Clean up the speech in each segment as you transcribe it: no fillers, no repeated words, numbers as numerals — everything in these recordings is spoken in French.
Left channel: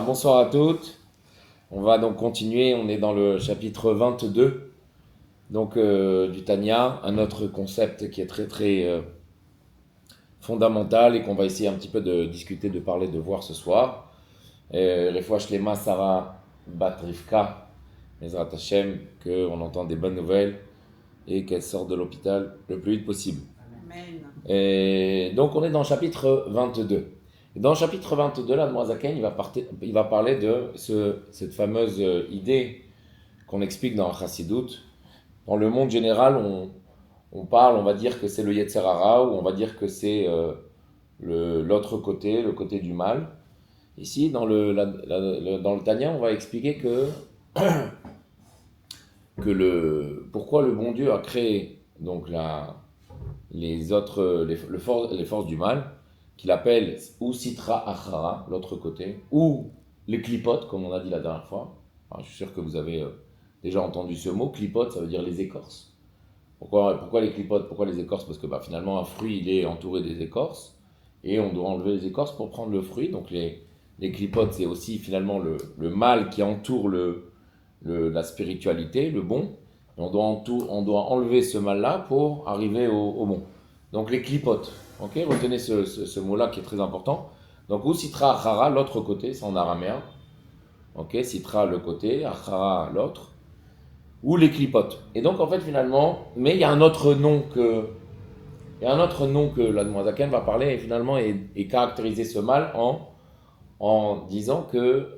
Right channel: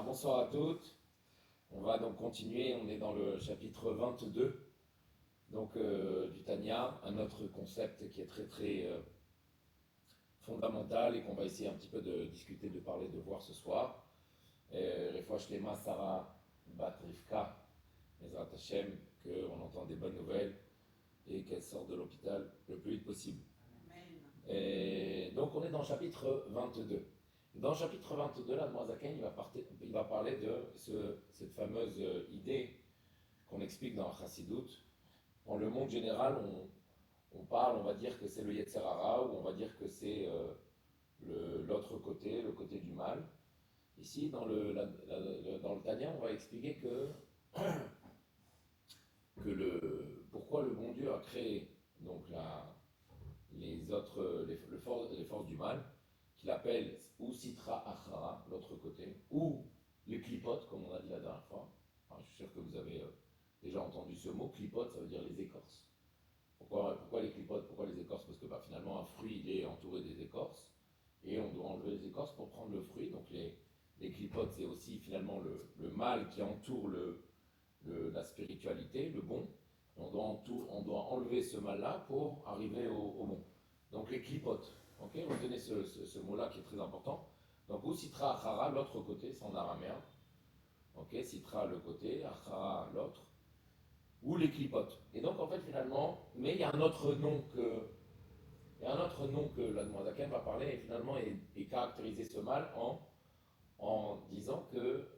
Bonsoir à toutes. On va donc continuer. On est dans le chapitre 22 du Tanya, un autre concept qui est très fondamental et qu'on va essayer un petit peu de discuter, de parler, de voir ce soir. Refouach Lema Sarah Bat Rivka, Ezrat Hashem, qu'on entend des bonnes nouvelles et qu'elle sorte de l'hôpital le plus vite possible. Amen. Et donc on est dans le chapitre 22. Et dans le chapitre 22, là, Zaken, il va parler de cette fameuse idée qu'on explique dans Chassidut. Dans le monde général, on va dire que c'est le Yetzer Hara, ou on va dire que c'est l'autre côté, le côté du mal. Ici, dans le Tanya, on va expliquer pourquoi le bon Dieu a créé donc les forces du mal, qu'il appelle ou Sitra Achara, l'autre côté, ou les clipotes, comme on a dit la dernière fois. Alors, je suis sûr que vous avez déjà entendu ce mot. Clipote, ça veut dire les écorces. Pourquoi les clipotes, pourquoi les écorces? Parce que finalement, un fruit, il est entouré des écorces, et on doit enlever les écorces pour prendre le fruit. Donc les clipotes, c'est aussi finalement le mal qui entoure la spiritualité, le bon. Et on doit enlever ce mal-là pour arriver au bon. Donc les clipotes. Ok, retenez ce mot-là qui est très important. Donc ou Sitra Achara, l'autre côté, c'est en araméen. Ok, Sitra le côté, Achara l'autre. Ou les clipotes. Et donc en fait finalement, mais il y a un autre nom que la Zaken va parler et finalement et caractériser ce mal en disant que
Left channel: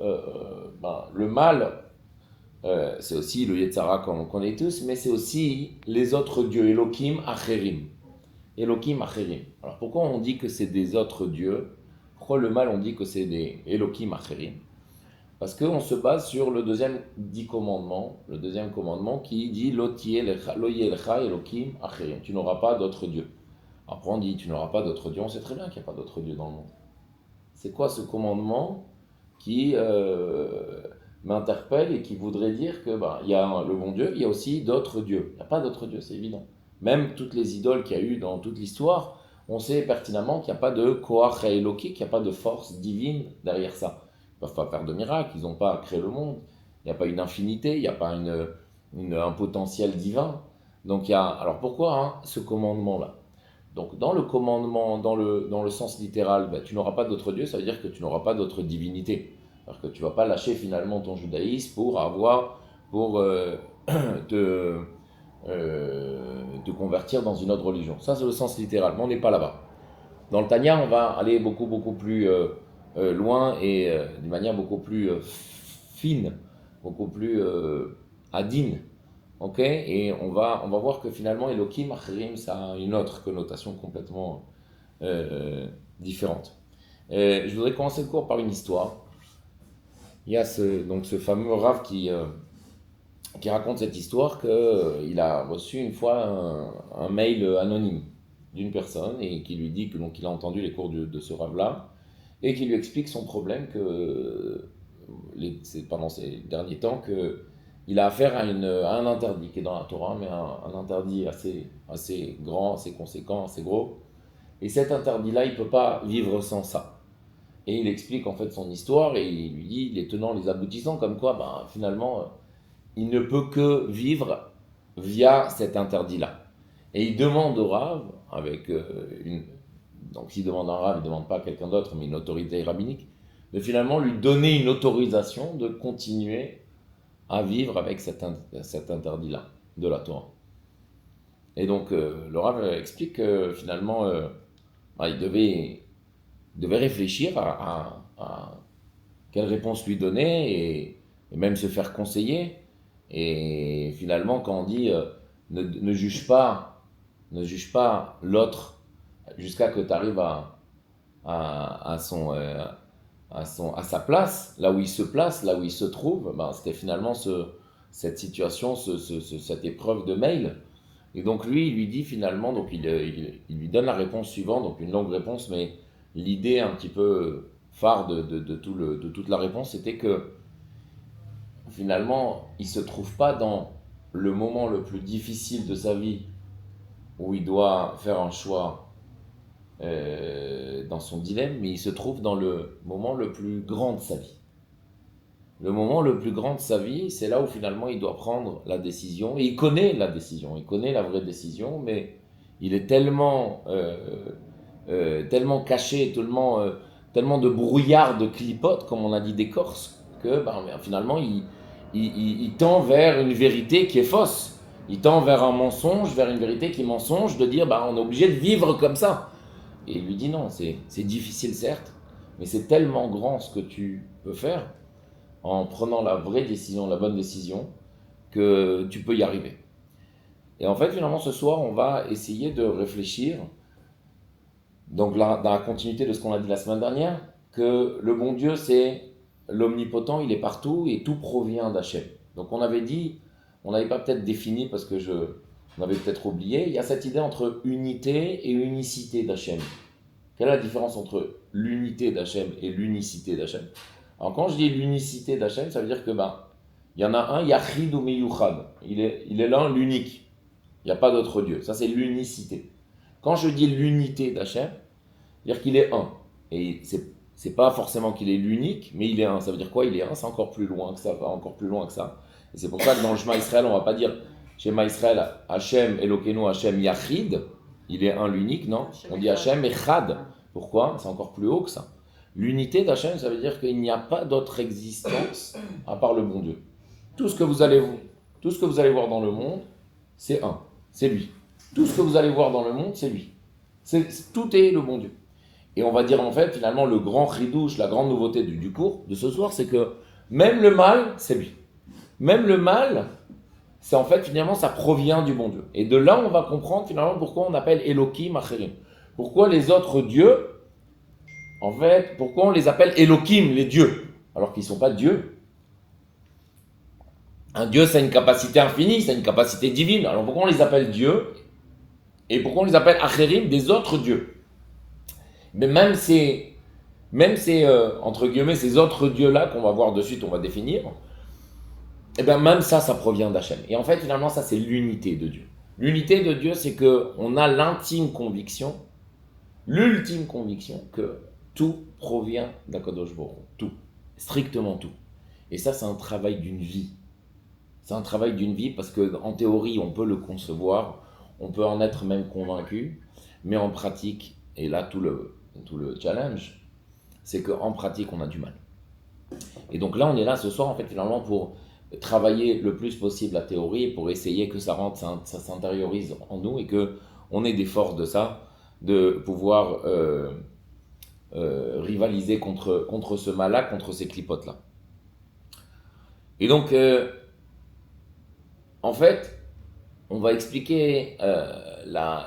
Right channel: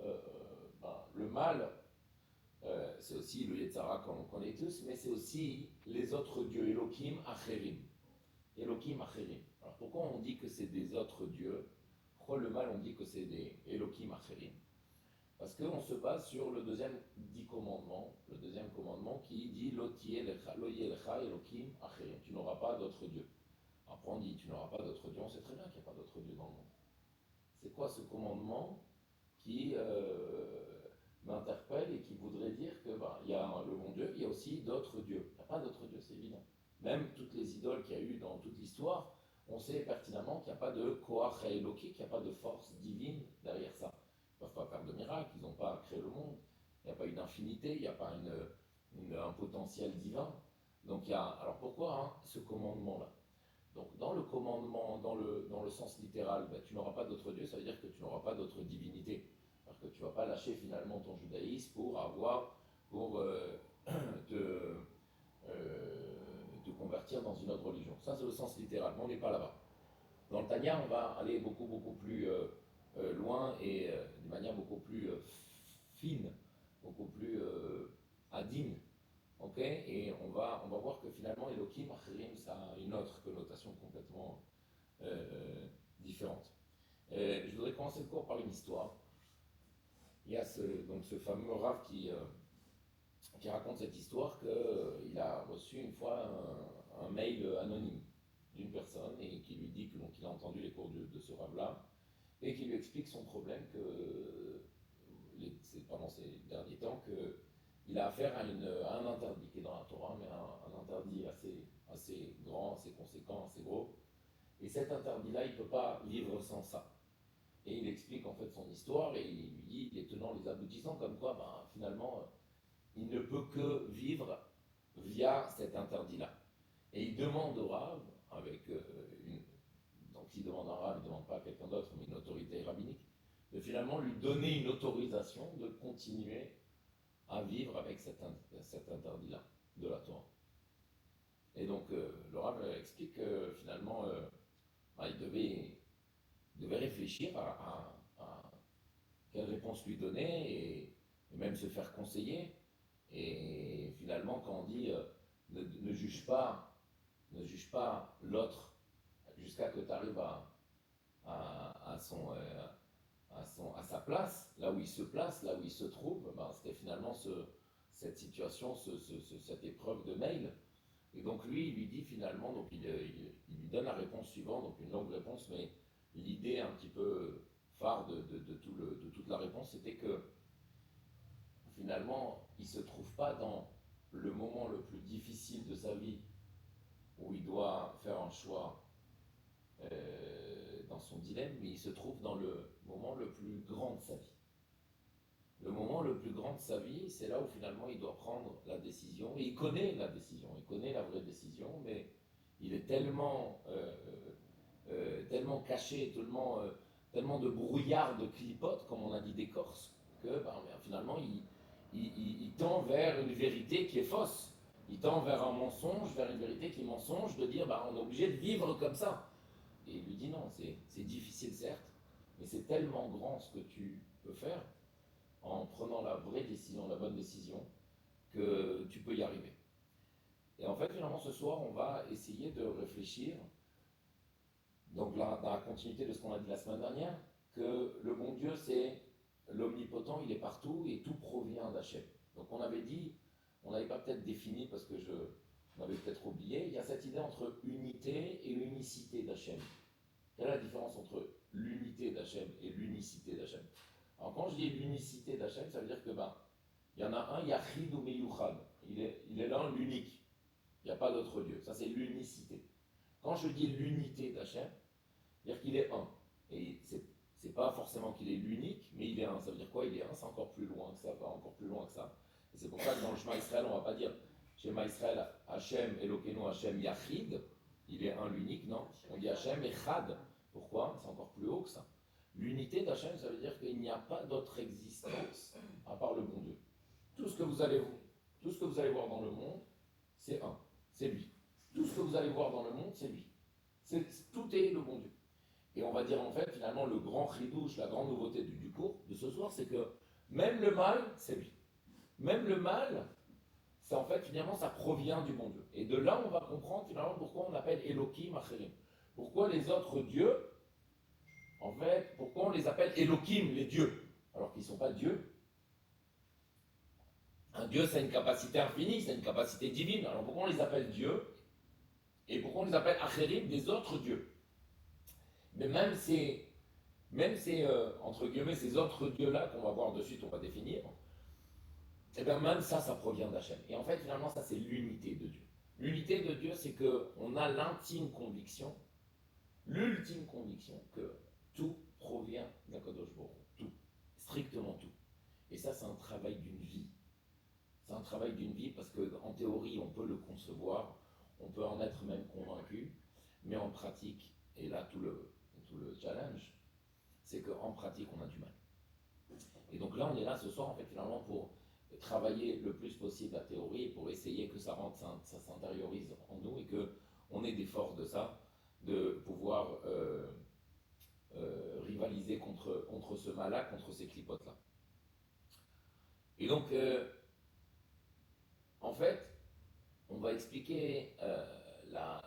le mal, c'est aussi le Yetzara qu'on connaît tous, mais c'est aussi les autres dieux, Elohim Acherim. Elohim Acherim. Alors pourquoi on dit que c'est des autres dieux? Pourquoi le mal on dit que c'est des Elohim Acherim? Parce qu'on se base sur le deuxième dit commandement, le deuxième commandement qui dit Loye lecha Elohim Acherim. Tu n'auras pas d'autres dieux. Après on dit tu n'auras pas d'autres dieux. On sait très bien qu'il n'y a pas d'autres dieux dans le monde. C'est quoi ce commandement qui m'interpelle et qui voudrait dire que il y a le bon Dieu, il y a aussi d'autres dieux. Il n'y a pas d'autres dieux, c'est évident. Même toutes les idoles qu'il y a eu dans toute l'histoire, on sait pertinemment qu'il n'y a pas de Koach Eloki, qu'il n'y a pas de force divine derrière ça. Ils ne peuvent pas faire de miracles, ils n'ont pas créé le monde. Il n'y a pas une infinité, il n'y a pas un potentiel divin. Donc alors pourquoi ce commandement-là? Donc dans le commandement, dans le sens littéral, tu n'auras pas d'autre Dieu, ça veut dire que tu n'auras pas d'autre divinité. Alors que tu ne vas pas lâcher finalement ton judaïsme pour te, te convertir dans une autre religion. Ça c'est le sens littéral, mais on n'est pas là-bas. Dans le Tanya, on va aller beaucoup plus loin et d'une manière beaucoup plus fine, beaucoup plus adine. Ok, et on va voir que finalement Elohim Acherim, ça a une autre connotation complètement différente. Je voudrais commencer le cours par une histoire. Il y a donc ce fameux Rav qui raconte cette histoire qu'il a reçu une fois un mail anonyme d'une personne et qui lui dit que donc il a entendu les cours de ce Rav-là et qui lui explique son problème c'est pendant ces derniers temps que il a affaire à un interdit qui est dans la Torah, mais un interdit assez grand, assez conséquent, assez gros. Et cet interdit-là, il ne peut pas vivre sans ça. Et il explique en fait son histoire et il lui dit les tenants, les aboutissants, comme quoi finalement il ne peut que vivre via cet interdit-là. Et il demande au Rav, avec donc s'il demande un Rav, il ne demande pas à quelqu'un d'autre, mais une autorité rabbinique, de finalement lui donner une autorisation de continuer à vivre avec cet interdit-là de la Torah. Et donc le Rav explique que finalement il devait réfléchir à quelle réponse lui donner et même se faire conseiller. Et finalement, quand on dit ne juge pas l'autre jusqu'à que tu arrives à à sa place, là où il se place, là où il se trouve, c'était finalement cette situation, cette épreuve de mail. Et donc lui, il lui dit finalement, donc il lui donne la réponse suivante, donc une longue réponse, mais l'idée un petit peu phare de toute la réponse, c'était que finalement, il ne se trouve pas dans le moment le plus difficile de sa vie où il doit faire un choix dans son dilemme, mais il se trouve dans le moment le plus grand de sa vie. Le moment le plus grand de sa vie, c'est là où finalement il doit prendre la décision. Et il connaît la décision, il connaît la vraie décision, mais il est tellement caché, tellement de brouillard, de clipote, comme on a dit d'écorce, que finalement il tend vers une vérité qui est fausse. Il tend vers un mensonge, vers une vérité qui est mensonge, de dire on est obligé de vivre comme ça. Et il lui dit non, c'est difficile certes, mais c'est tellement grand ce que tu peux faire en prenant la vraie décision, la bonne décision, que tu peux y arriver. Et en fait, finalement, ce soir, on va essayer de réfléchir, donc là, dans la continuité de ce qu'on a dit la semaine dernière, que le bon Dieu, c'est l'omnipotent, il est partout et tout provient d'Hachem. Donc on avait dit, on n'avait pas peut-être défini parce que on avait peut-être oublié, il y a cette idée entre unité et unicité d'Hachem. Quelle est la différence entre l'unité d'Hachem et l'unicité d'Hachem? Alors quand je dis l'unicité d'Hachem, ça veut dire que il y en a un, Yachid ou Meyuchad. Il est l'un, l'unique. Il n'y a pas d'autre Dieu. Ça, c'est l'unicité. Quand je dis l'unité d'Hachem, c'est-à-dire qu'il est un. Et c'est pas forcément qu'il est l'unique, mais il est un. Ça veut dire quoi? Il est un, c'est encore plus loin que ça, va encore plus loin que ça. Et c'est pour ça que dans le Shema Israël, on ne va pas dire Shema Israël, Hachem, Elokeinu, Hachem, Yachid. Il est un, l'unique, non? On dit Hachem Echad. Pourquoi? C'est encore plus haut que ça. L'unité d'Hachem, ça veut dire qu'il n'y a pas d'autre existence à part le bon Dieu. Tout ce que vous allez voir dans le monde, c'est un, c'est lui. Tout ce que vous allez voir dans le monde, c'est lui. Tout est le bon Dieu. Et on va dire en fait, finalement, le grand chidouche, la grande nouveauté du cours de ce soir, c'est que même le mal, c'est lui. Même le mal, c'est en fait, finalement, ça provient du bon Dieu. Et de là, on va comprendre finalement pourquoi on appelle Elohim Acherim. Pourquoi les autres dieux, en fait, pourquoi on les appelle Elohim, les dieux, alors qu'ils ne sont pas dieux. Un dieu, ça a une capacité infinie, ça a une capacité divine. Alors pourquoi on les appelle dieux? Et pourquoi on les appelle Acherim, des autres dieux? Mais même ces entre guillemets, ces autres dieux-là qu'on va voir de suite, on va définir, et bien même ça provient d'Hachem. Et en fait, finalement, ça, c'est l'unité de Dieu. L'unité de Dieu, c'est qu'on a l'ultime conviction que tout provient d'Akadosh Baruch Hu. Tout. Strictement tout. Et ça, c'est un travail d'une vie. C'est un travail d'une vie parce qu'en théorie, on peut le concevoir, on peut en être même convaincu, mais en pratique, et là tout le challenge, c'est qu'en pratique, on a du mal. Et donc là, on est là ce soir, en fait, finalement, pour travailler le plus possible la théorie, pour essayer que ça s'intériorise en nous et qu'on ait des forces de ça, de pouvoir rivaliser contre ce mal-là, contre ces clipotes-là. Et donc, en fait, on va expliquer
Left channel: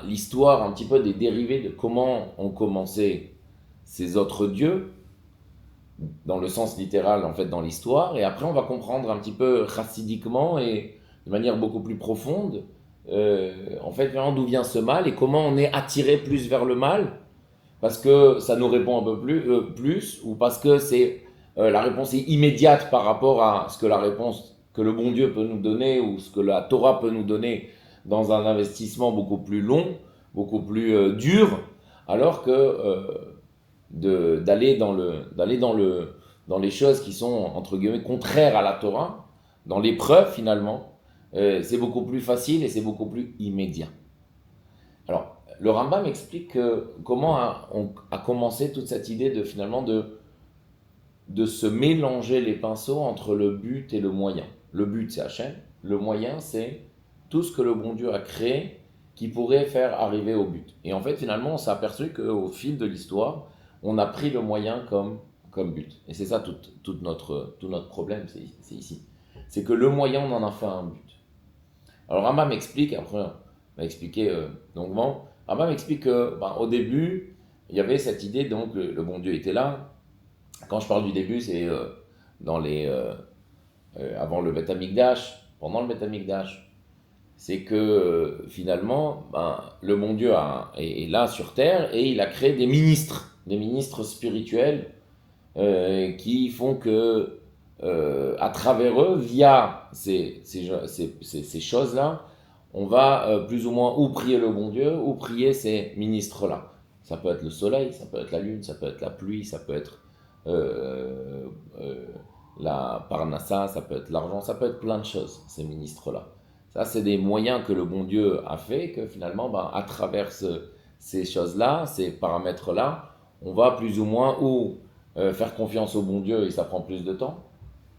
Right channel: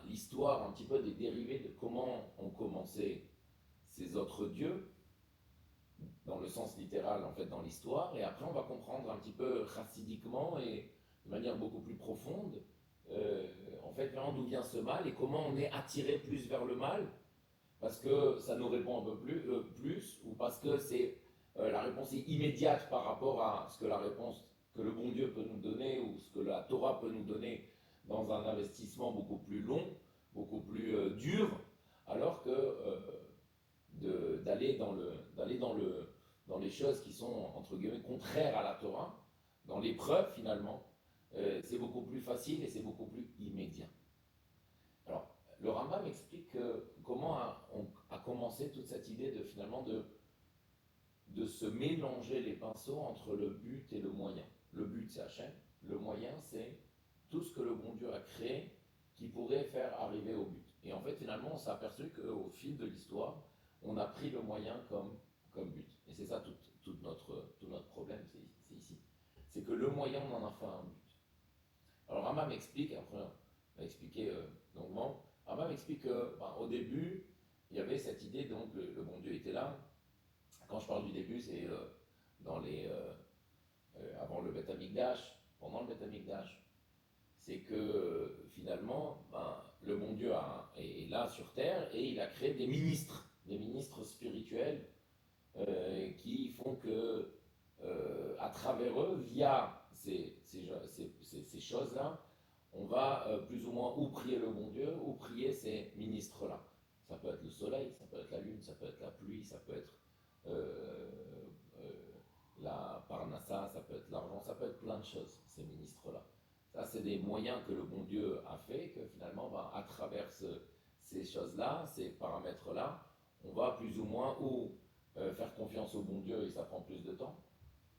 l'histoire un petit peu des dérivés de comment ont commencé ces autres dieux, dans le sens littéral, en fait, dans l'histoire. Et après, on va comprendre un petit peu chassidiquement et de manière beaucoup plus profonde, en fait, d'où vient ce mal et comment on est attiré plus vers le mal, parce que ça nous répond un peu plus ou parce que la réponse est immédiate par rapport à ce que la réponse que le bon Dieu peut nous donner ou ce que la Torah peut nous donner dans un investissement beaucoup plus long, beaucoup plus dur, alors que d'aller dans les choses qui sont entre guillemets contraires à la Torah, dans l'épreuve finalement, c'est beaucoup plus facile et c'est beaucoup plus immédiat. Alors, le Rambam explique comment a commencé toute cette idée de finalement de se mélanger les pinceaux entre le but et le moyen. Le but, c'est Hachem. Le moyen, c'est tout ce que le bon Dieu a créé qui pourrait faire arriver au but. Et en fait, finalement, on s'est aperçu qu'au fil de l'histoire, on a pris le moyen comme but. Et c'est ça tout notre problème, c'est ici. C'est que le moyen, on en a fait un but. Alors Rambam explique, après on va expliquer longuement, Rambam explique qu'au début, il y avait cette idée, donc le bon Dieu était là. Quand je parle du début, c'est avant le Beth Amikdash, pendant le Beth Amikdash. C'est que finalement, le bon Dieu est là sur terre et il a créé des ministres spirituels qui font que, à travers eux, via ces choses-là, on va plus ou moins ou prier le bon Dieu ou prier ces ministres-là. Ça peut être le soleil, ça peut être la lune, ça peut être la pluie, ça peut être la parnassa, ça peut être l'argent, ça peut être plein de choses, ces ministres-là. Ça, c'est des moyens que le bon Dieu a fait, que finalement, à travers ces choses-là, ces paramètres-là, on va plus ou moins ou faire confiance au bon Dieu et ça prend plus de temps,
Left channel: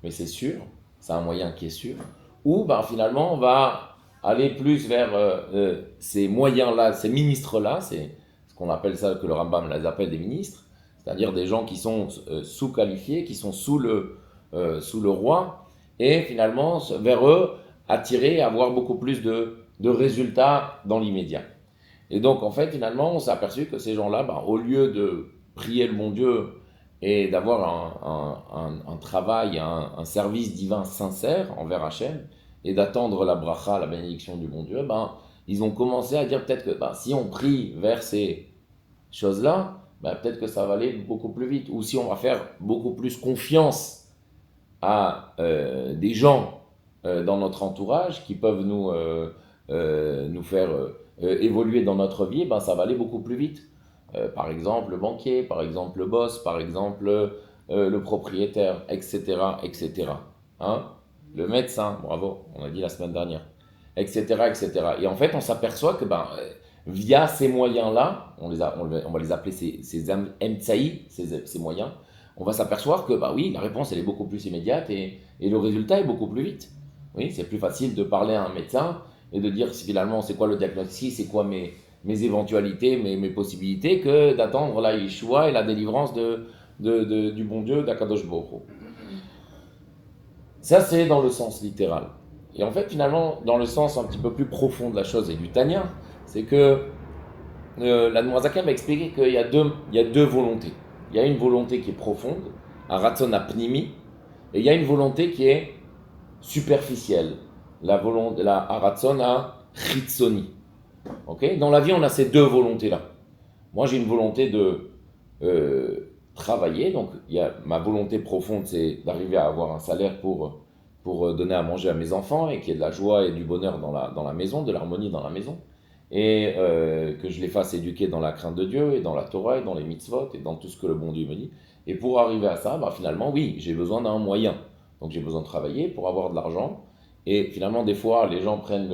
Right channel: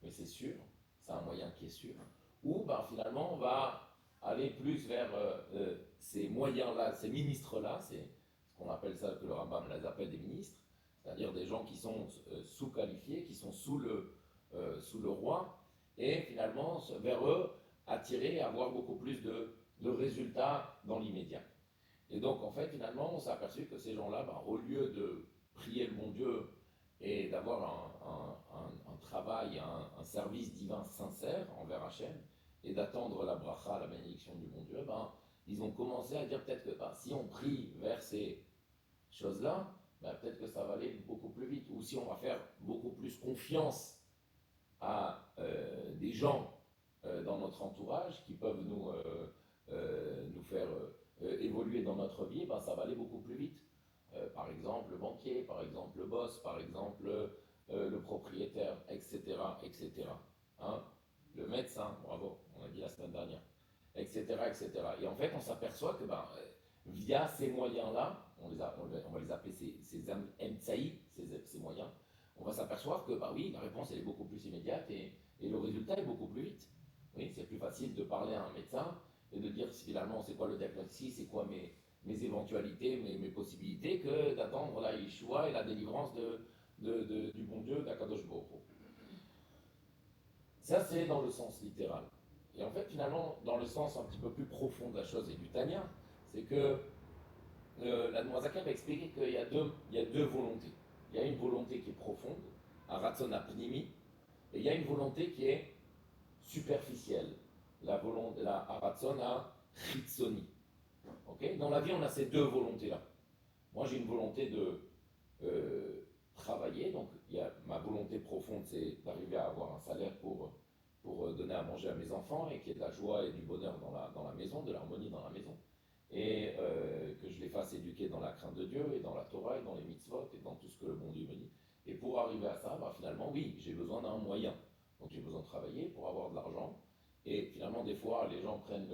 mais c'est sûr, c'est un moyen qui est sûr, ou finalement, on va aller plus vers ces moyens-là, ces ministres-là, c'est ce qu'on appelle ça, que le Rambam les appelle des ministres, c'est-à-dire des gens qui sont sous-qualifiés, qui sont sous le roi, et finalement, vers eux, attirer, avoir beaucoup plus de résultats dans l'immédiat. Et donc, en fait, finalement, on s'est aperçu que ces gens-là, au lieu de prier le bon Dieu et d'avoir un travail, un service divin sincère envers Hachem, et d'attendre la bracha, la bénédiction du bon Dieu, ils ont commencé à dire peut-être que si on prie vers ces choses-là, peut-être que ça va aller beaucoup plus vite. Ou si on va faire beaucoup plus confiance à des gens dans notre entourage qui peuvent nous faire évoluer dans notre vie, ça va aller beaucoup plus vite. Par exemple, le banquier, par exemple, le boss, par exemple, le propriétaire, etc., etc. Hein? Le médecin, bravo, on a dit la semaine dernière, etc., etc. Et en fait, on s'aperçoit que via ces moyens-là, on va les appeler ces emtsaï, ces moyens, on va s'apercevoir que oui, la réponse elle est beaucoup plus immédiate et le résultat est beaucoup plus vite. Oui, c'est plus facile de parler à un médecin et de dire finalement c'est quoi le diagnostic, c'est quoi mes éventualités, mes possibilités, que d'attendre la Yeshua et la délivrance du bon Dieu d'Akadosh Baruch Hu. Ça c'est dans le sens littéral. Et en fait finalement dans le sens un petit peu plus profond de la chose et du Tanya, c'est que l'Admorazaken va expliquer qu'il y a deux volontés. Il y a une volonté qui est profonde, un ratson apnimi, et il y a une volonté qui est superficielle, la ratson à chitsoni. Okay? Dans la vie, on a ces deux volontés-là. Moi, j'ai une volonté de travailler, donc ma volonté profonde, c'est d'arriver à avoir un salaire pour donner à manger à mes enfants et qu'il y ait de la joie et du bonheur dans la maison, de l'harmonie dans la maison. Et que je les fasse éduquer dans la crainte de Dieu et dans la Torah et dans les mitzvot et dans tout ce que le bon Dieu me dit. Et pour arriver à ça, finalement, oui, j'ai besoin d'un moyen. Donc j'ai besoin de travailler pour avoir de l'argent. Et finalement, des fois, les gens prennent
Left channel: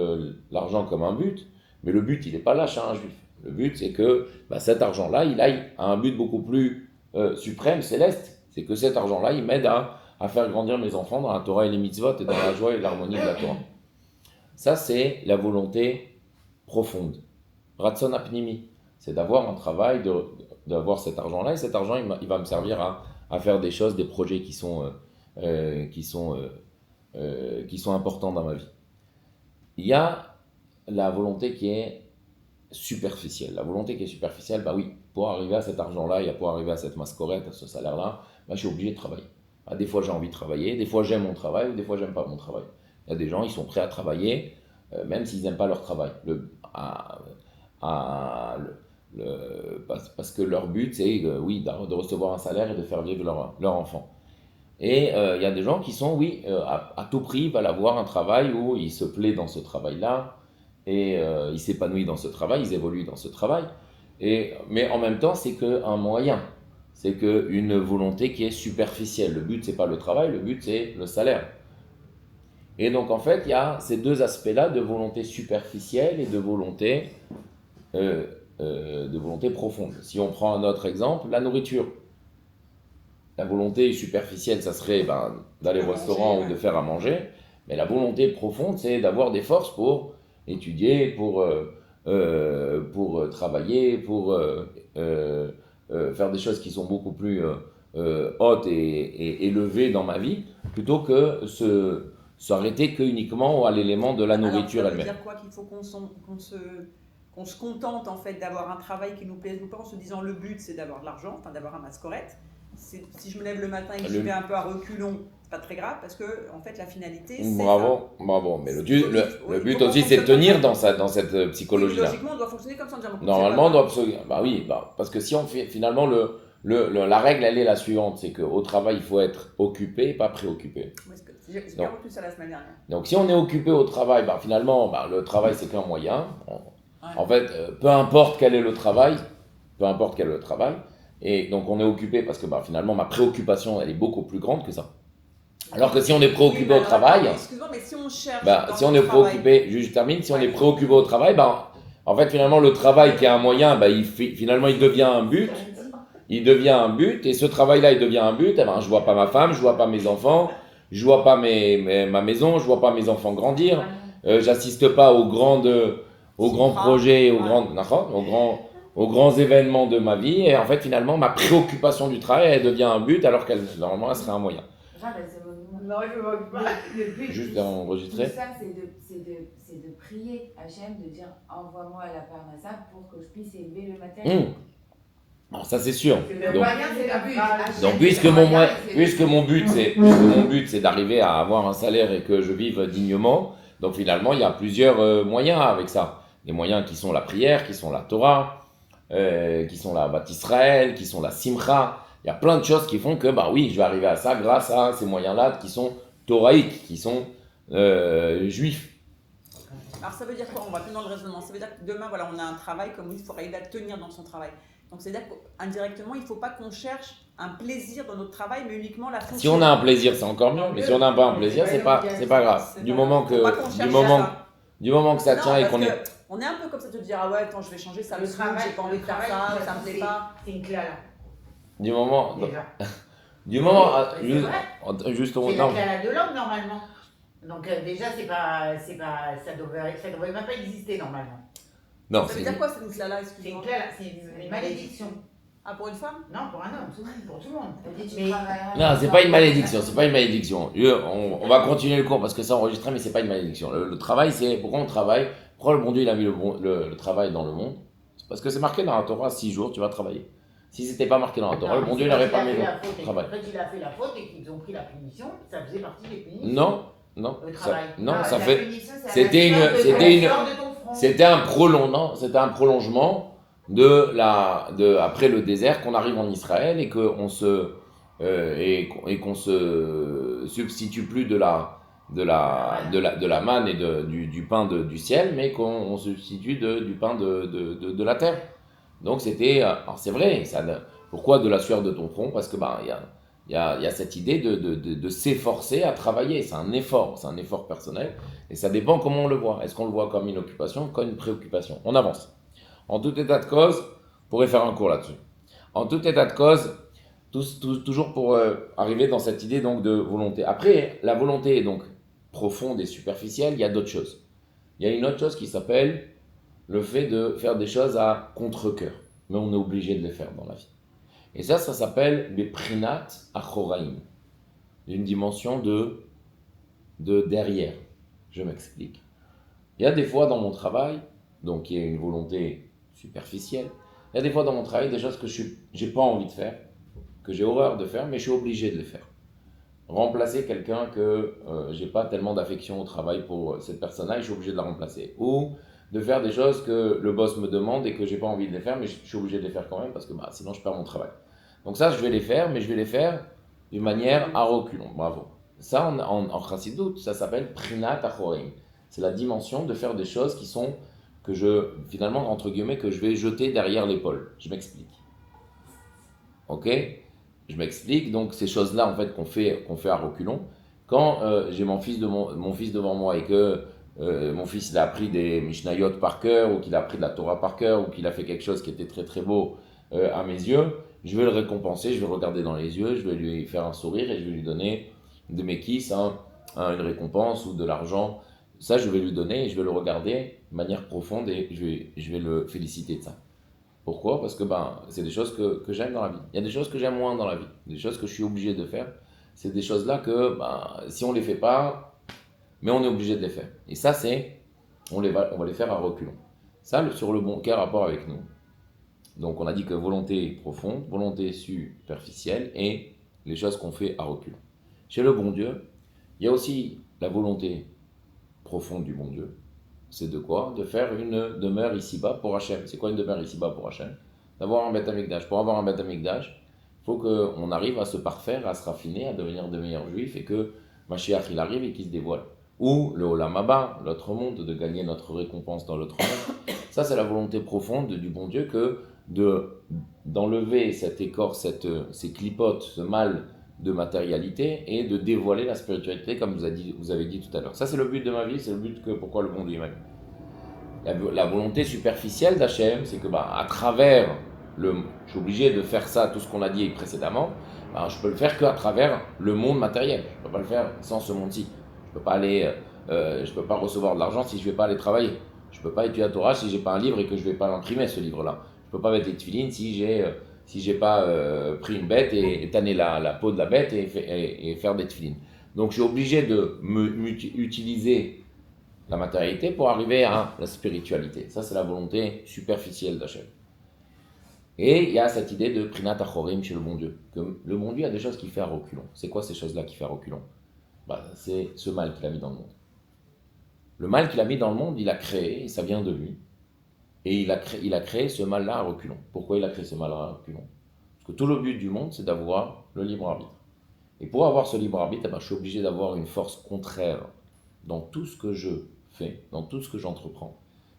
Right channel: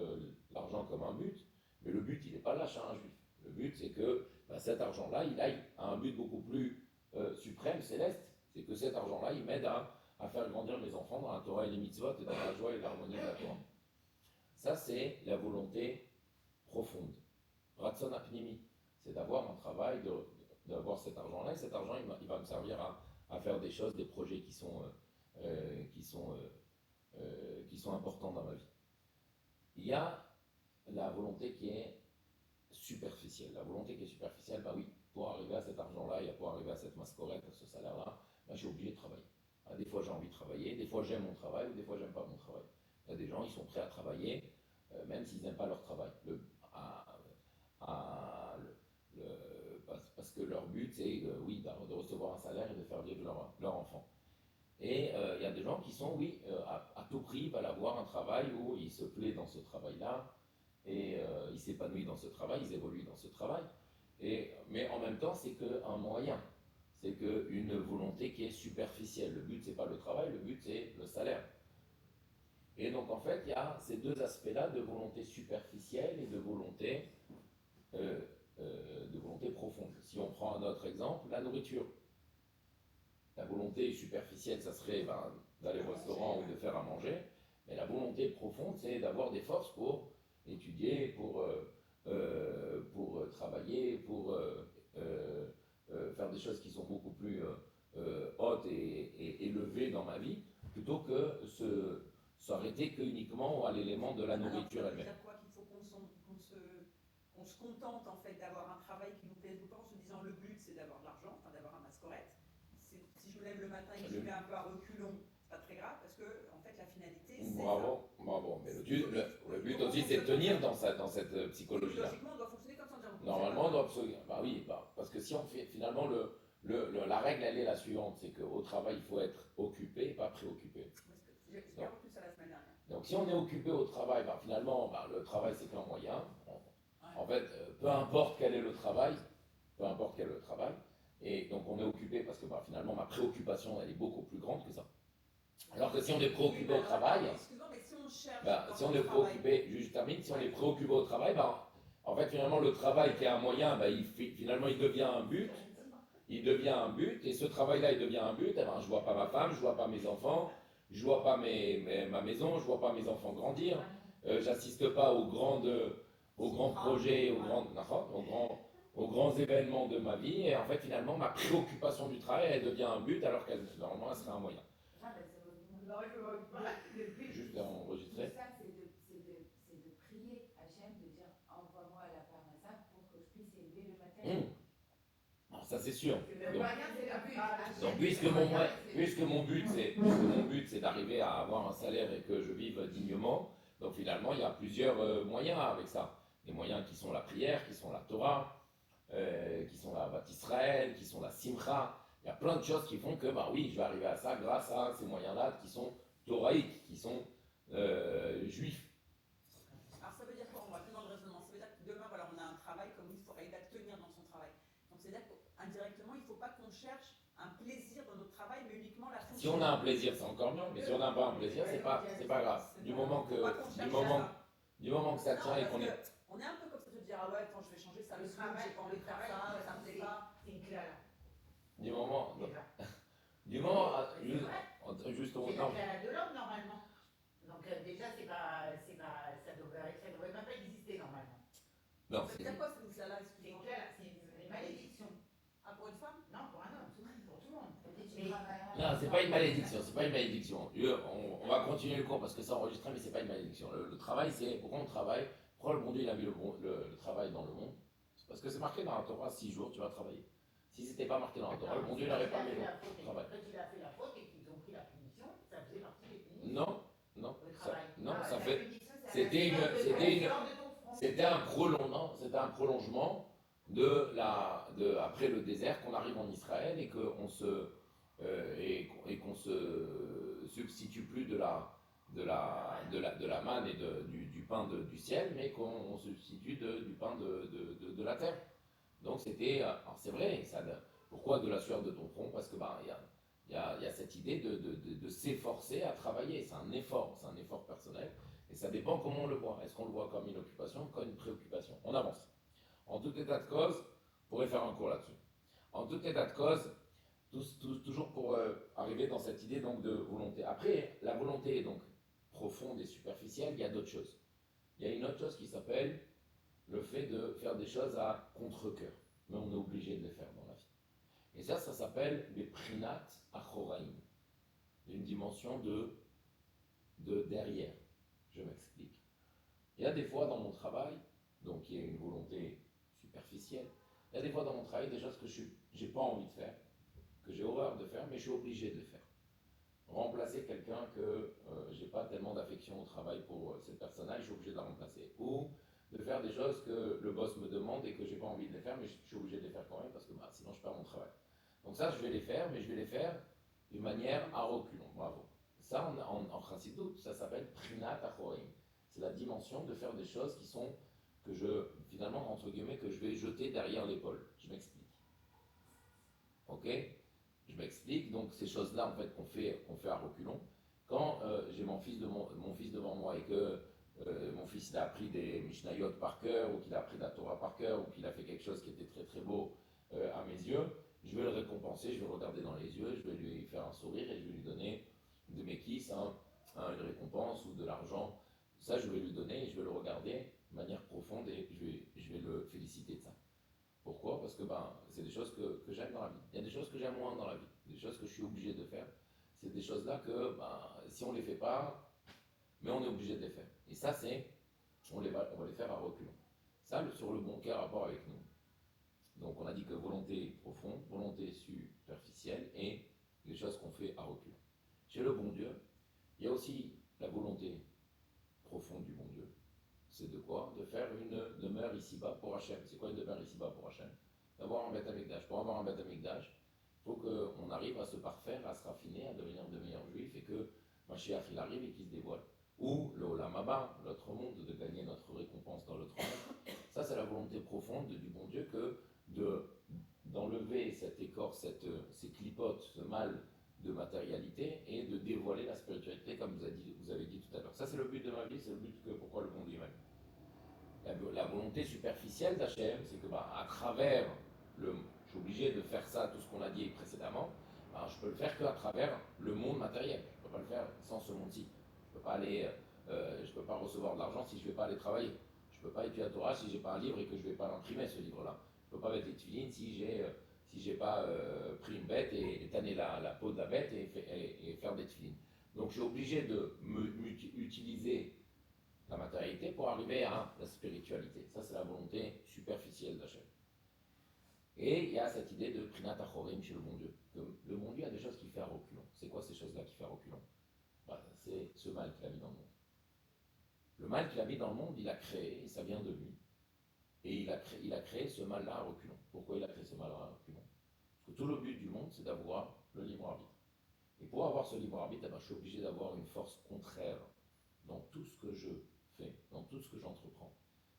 l'argent comme un but, mais le but, il n'est pas là chez un juif. Le but, c'est que cet argent-là, il aille à un but beaucoup plus suprême, céleste. C'est que cet argent-là, il m'aide à faire grandir mes enfants dans la Torah et les mitzvot et dans la joie et l'harmonie de la Torah. Ça, c'est la volonté profonde. Ratson apnimi, c'est d'avoir un travail, d'avoir cet argent-là, et cet argent, il va me servir à faire des choses, des projets qui sont importants dans ma vie. Il y a la volonté qui est superficielle. La volonté qui est superficielle, oui, pour arriver à cet argent-là et pour arriver à cette mascorette, à ce salaire-là, je suis obligé de travailler. Des fois, j'ai envie de travailler, des fois, j'aime mon travail, ou des fois, j'aime pas mon travail. Il y a des gens, ils sont prêts à travailler, même s'ils n'aiment pas leur travail. Parce que leur but, c'est de recevoir un salaire et de faire vivre leur enfant. Et il y a des gens qui sont, à tout prix, veulent avoir un travail où ils se plaisent dans ce travail-là, et ils s'épanouissent dans ce travail, ils évoluent dans ce travail. Mais en même temps, c'est qu'un moyen, c'est qu'une volonté qui est superficielle. Le but, c'est pas le travail, le but, c'est le salaire. Et donc, en fait, il y a ces deux aspects-là de volonté superficielle et de volonté profonde. Si on prend un autre exemple, la nourriture. La volonté superficielle, ça serait d'aller au restaurant ou de faire à manger. Mais la volonté profonde, c'est d'avoir des forces pour étudier, pour travailler, pour faire des choses qui sont beaucoup plus hautes et élevées dans ma vie, plutôt que s'arrêter uniquement à l'élément de la nourriture elle-même. Ça veut dire quoi? Qu'il faut qu'on se contente en fait d'avoir un travail qui nous plaise ou pas, en se disant le but c'est d'avoir de l'argent, d'avoir un mascorette. Si je me lève le matin et que j'y vais un peu à reculons, c'est pas très grave, parce que en fait la finalité c'est bravo. Mais le but aussi c'est de tenir dans cette psychologie-là. Logiquement on doit fonctionner comme ça. Normalement on doit parce que si on fait finalement la règle elle est la suivante, c'est qu'au travail il faut être occupé, pas préoccupé. J'ai bien retenu ça la semaine dernière. Donc si on est occupé au travail, finalement le travail c'est qu'un moyen. En fait, peu importe quel est le travail, et donc on est occupé parce que finalement ma préoccupation elle est beaucoup plus grande que ça. Alors que si on est préoccupé au travail, excuse-moi, mais si on cherche si on est préoccupé, je termine, si on est préoccupé au travail, en fait finalement le travail qui est un moyen, finalement il devient un but. Il devient un but, et ce travail-là, il devient un but. Eh ben, je vois pas ma femme, je vois pas mes enfants, je vois pas ma maison, je vois pas mes enfants grandir, j'assiste pas aux grands projets, aux grands événements de ma vie. Et en fait, finalement, ma préoccupation du travail, elle devient un but, alors qu'elle normalement, elle serait un moyen. Non, je ne moque pas. Le but, juste enregistrer. Tout ça, c'est de prier Hachem, de dire envoie-moi la parnassa pour que je puisse élever le matériel. Alors ça c'est sûr. Donc puisque mon but c'est d'arriver à avoir un salaire et que je vive dignement, donc finalement il y a plusieurs moyens avec ça. Les moyens qui sont la prière, qui sont la Torah, qui sont la Bat Israël, qui sont la Simcha. Il y a plein de choses qui font que oui, je vais arriver à ça grâce à ces moyens-là qui sont toraïques, qui sont juifs. Alors ça veut dire quoi? On va plus dans le raisonnement. Ça veut dire que demain, voilà, on a un travail, comme il faut arriver à tenir dans son travail. Donc c'est-à-dire qu'indirectement, il ne faut pas qu'on cherche un plaisir dans notre travail, mais uniquement la fonction. Si on a un plaisir, c'est encore mieux. Mais si on n'a pas un plaisir, c'est pas grave. Du moment que ça tient et qu'on est... On est un peu comme ça, de dire ah ouais, attends, je vais changer ça, le travail, j'ai pas envie de faire ça, ça me plaît pas. C'est une clé là. Du moment... Juste c'est la clé de l'homme normalement. Donc déjà, ça devrait même pas exister normalement. Non, ça veut dire quoi cette clé-là? Excusez-moi. C'est une malédiction. Ah, pour une femme? Non, pour un homme, pour tout le monde. Non, c'est pas une malédiction, c'est pas une malédiction. On va continuer le cours parce que c'est enregistré, mais c'est pas une malédiction. Le travail, c'est pourquoi on travaille. Pourquoi le bon Dieu il a mis le travail dans le monde? C'est parce que c'est marqué dans la Torah, 6 jours tu vas travailler. Si c'était pas marqué dans la Torah, le bon Dieu n'aurait pas mis le travail. Quand il a fait la faute et qu'ils ont pris la punition, ça faisait partie des punitions. Non, le travail. Ça fait. C'était un prolongement après le désert qu'on arrive en Israël et qu'on se substitue plus de la manne et du pain du ciel, mais qu'on substitue du pain de la terre. Donc c'était, alors c'est vrai, pourquoi de la sueur de ton front? Parce que il y a cette idée de s'efforcer à travailler, c'est un effort personnel, et ça dépend comment on le voit. Est-ce qu'on le voit comme une occupation, comme une préoccupation? On avance. En tout état de cause, on pourrait faire un cours là-dessus. En tout état de cause, toujours pour arriver dans cette idée donc de volonté. Après, la volonté est donc profonde et superficielle, il y a d'autres choses. Il y a une autre chose qui s'appelle le fait de faire des choses à contre-cœur, mais on est obligé de les faire dans la vie. Et ça s'appelle Beprinat Achoraim, une dimension de derrière. Je m'explique. Il y a des fois dans mon travail, donc il y a une volonté superficielle, il y a des fois dans mon travail des choses que je n'ai pas envie de faire, que j'ai horreur de faire, mais je suis obligé de les faire. Remplacer quelqu'un que j'ai pas tellement d'affection au travail pour cette personne-là, et je suis obligé de la remplacer. Ou de faire des choses que le boss me demande et que j'ai pas envie de les faire, mais je suis obligé de les faire quand même parce que sinon je perds mon travail. Donc ça, je vais les faire, mais je vais les faire d'une manière à reculons. Bravo. Ça, en chassidoute, ça s'appelle Prinat Achorim. C'est la dimension de faire des choses qui sont, finalement, entre guillemets, que je vais jeter derrière l'épaule. Je m'explique. Ok? Je m'explique. Donc ces choses-là, en fait, qu'on fait à reculons. Quand j'ai mon fils devant moi et que mon fils il a appris des Mishnayot par cœur, ou qu'il a appris de la Torah par cœur, ou qu'il a fait quelque chose qui était très très beau à mes yeux, je vais le récompenser, je vais le regarder dans les yeux, je vais lui faire un sourire et je vais lui donner de mes kisses, une récompense ou de l'argent. Ça, je vais lui donner et je vais le regarder de manière profonde et je vais le féliciter de ça. Pourquoi? Parce que c'est des choses que j'aime dans la vie. Il y a des choses que j'aime moins dans la vie, des choses que je suis obligé de faire. C'est des choses-là que si on ne les fait pas, mais on est obligé de les faire. Et ça, on va les faire à reculons. Ça, sur le bon, quel rapport avec nous? Donc, on a dit que volonté profonde, volonté superficielle et les choses qu'on fait à reculons. Chez le bon Dieu, il y a aussi la volonté profonde du bon Dieu. C'est de quoi? De faire une demeure ici-bas pour Hachem. C'est quoi une demeure ici-bas pour Hachem? D'avoir un Beth Amikdash. Pour avoir un Beth Amikdash, il faut qu'on arrive à se parfaire, à se raffiner, à devenir de meilleurs juifs et que Mashiach il arrive et qu'il se dévoile. Ou le Olam Haba, l'autre monde, de gagner notre récompense dans l'autre monde. Ça, c'est la volonté profonde du bon Dieu d'enlever cette écorce, ces clipotes, ce mal de matérialité et de dévoiler la spiritualité comme vous avez dit tout à l'heure. Ça c'est le but de ma vie, c'est le but que pourquoi le monde est m'a mis. La volonté superficielle d'Hachem, c'est que à travers je suis obligé de faire ça, tout ce qu'on a dit précédemment, je peux le faire qu'à travers le monde matériel. Je ne peux pas le faire sans ce monde-ci. Je ne peux pas recevoir de l'argent si je ne vais pas aller travailler. Je ne peux pas étudier la Torah si je n'ai pas un livre et que je ne vais pas l'imprimer, ce livre-là. Je ne peux pas mettre les tefilines si j'ai pas pris une bête et tanné la peau de la bête et faire des tefilines. Donc je suis obligé de utiliser la matérialité pour arriver à la spiritualité. Ça, c'est la volonté superficielle d'Hachem. Et il y a cette idée de Prinat Achorim chez le bon Dieu. Que le bon Dieu a des choses qu'il fait à reculons. C'est quoi ces choses-là qu'il fait à reculons? C'est ce mal qu'il a mis dans le monde. Le mal qu'il a mis dans le monde, il a créé, et ça vient de lui. Et il a créé ce mal-là à reculons. Pourquoi il a créé ce mal-là à reculons? Parce que tout le but du monde, c'est d'avoir le libre arbitre. Et pour avoir ce libre arbitre, je suis obligé d'avoir une force contraire dans tout ce que je fais, dans tout ce que j'entreprends.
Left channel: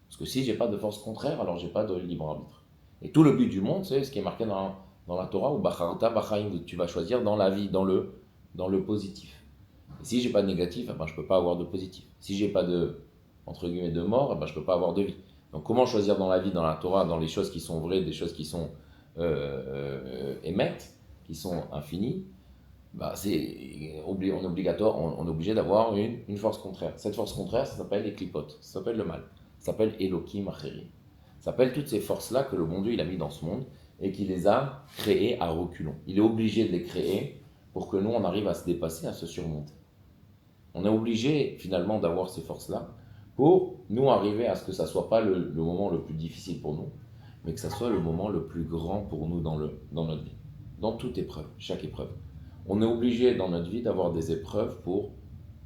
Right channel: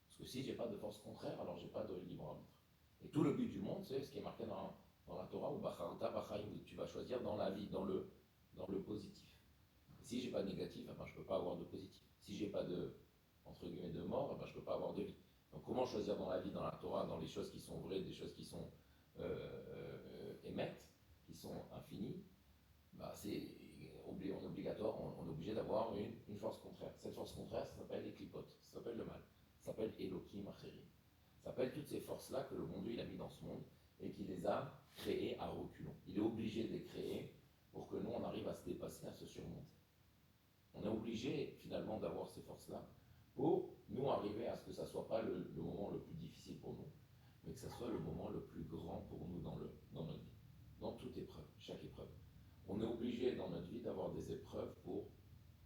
Parce que si je n'ai pas de force contraire, alors je n'ai pas de libre arbitre. Et tout le but du monde, c'est ce qui est marqué dans la Torah, ou Bacharta Bachaim, tu vas choisir dans la vie, dans le positif. Et si je n'ai pas de négatif, je ne peux pas avoir de positif. Si je n'ai pas de, entre guillemets, de mort, je ne peux pas avoir de vie. Donc comment choisir dans la vie, dans la Torah, dans les choses qui sont vraies, des choses qui sont émettes, qui sont infinies, on est obligatoire, on est obligé d'avoir une force contraire. Cette force contraire, ça s'appelle les clipotes, ça s'appelle le mal, ça s'appelle Elokim Acherim. Ça s'appelle toutes ces forces-là que le bon Dieu il a mis dans ce monde et qu'il les a créées à reculons. Il est obligé de les créer pour que nous, on arrive à se dépasser, à se surmonter. On est obligé finalement d'avoir ces forces-là pour nous arriver à ce que ça ne soit pas le moment le plus difficile pour nous, mais que ça soit le moment le plus grand pour nous dans notre vie. Dans toute épreuve, chaque épreuve. On est obligé dans notre vie d'avoir des épreuves pour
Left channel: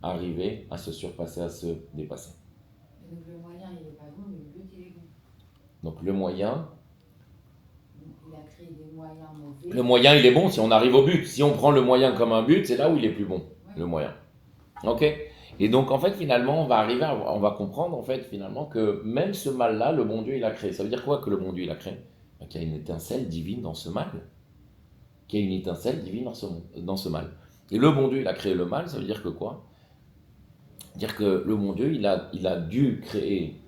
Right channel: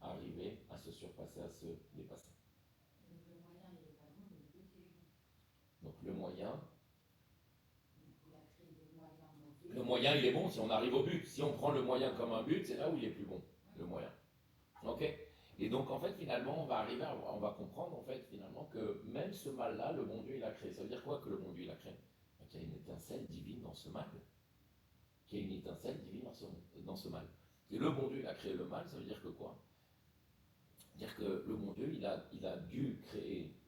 arriver à se surpasser, à se dépasser. Donc le moyen, il n'est pas bon, mais le but, il est bon. Donc le moyen... Il a créé des moyens mauvais. Le moyen, il est bon si on arrive au but. Si on prend le moyen comme un but, c'est là où il est plus bon, Ouais. le moyen. Ok? Et donc, en fait, finalement, on va comprendre, en fait, finalement, que même ce mal-là, le bon Dieu, il a créé. Ça veut dire quoi que le bon Dieu, il a créé? Qu'il y a une étincelle divine dans ce mal. Qu'il y a une étincelle divine dans ce mal. Et le bon Dieu, il a créé le mal, ça veut dire que quoi? Dire que le bon Dieu, il a dû créer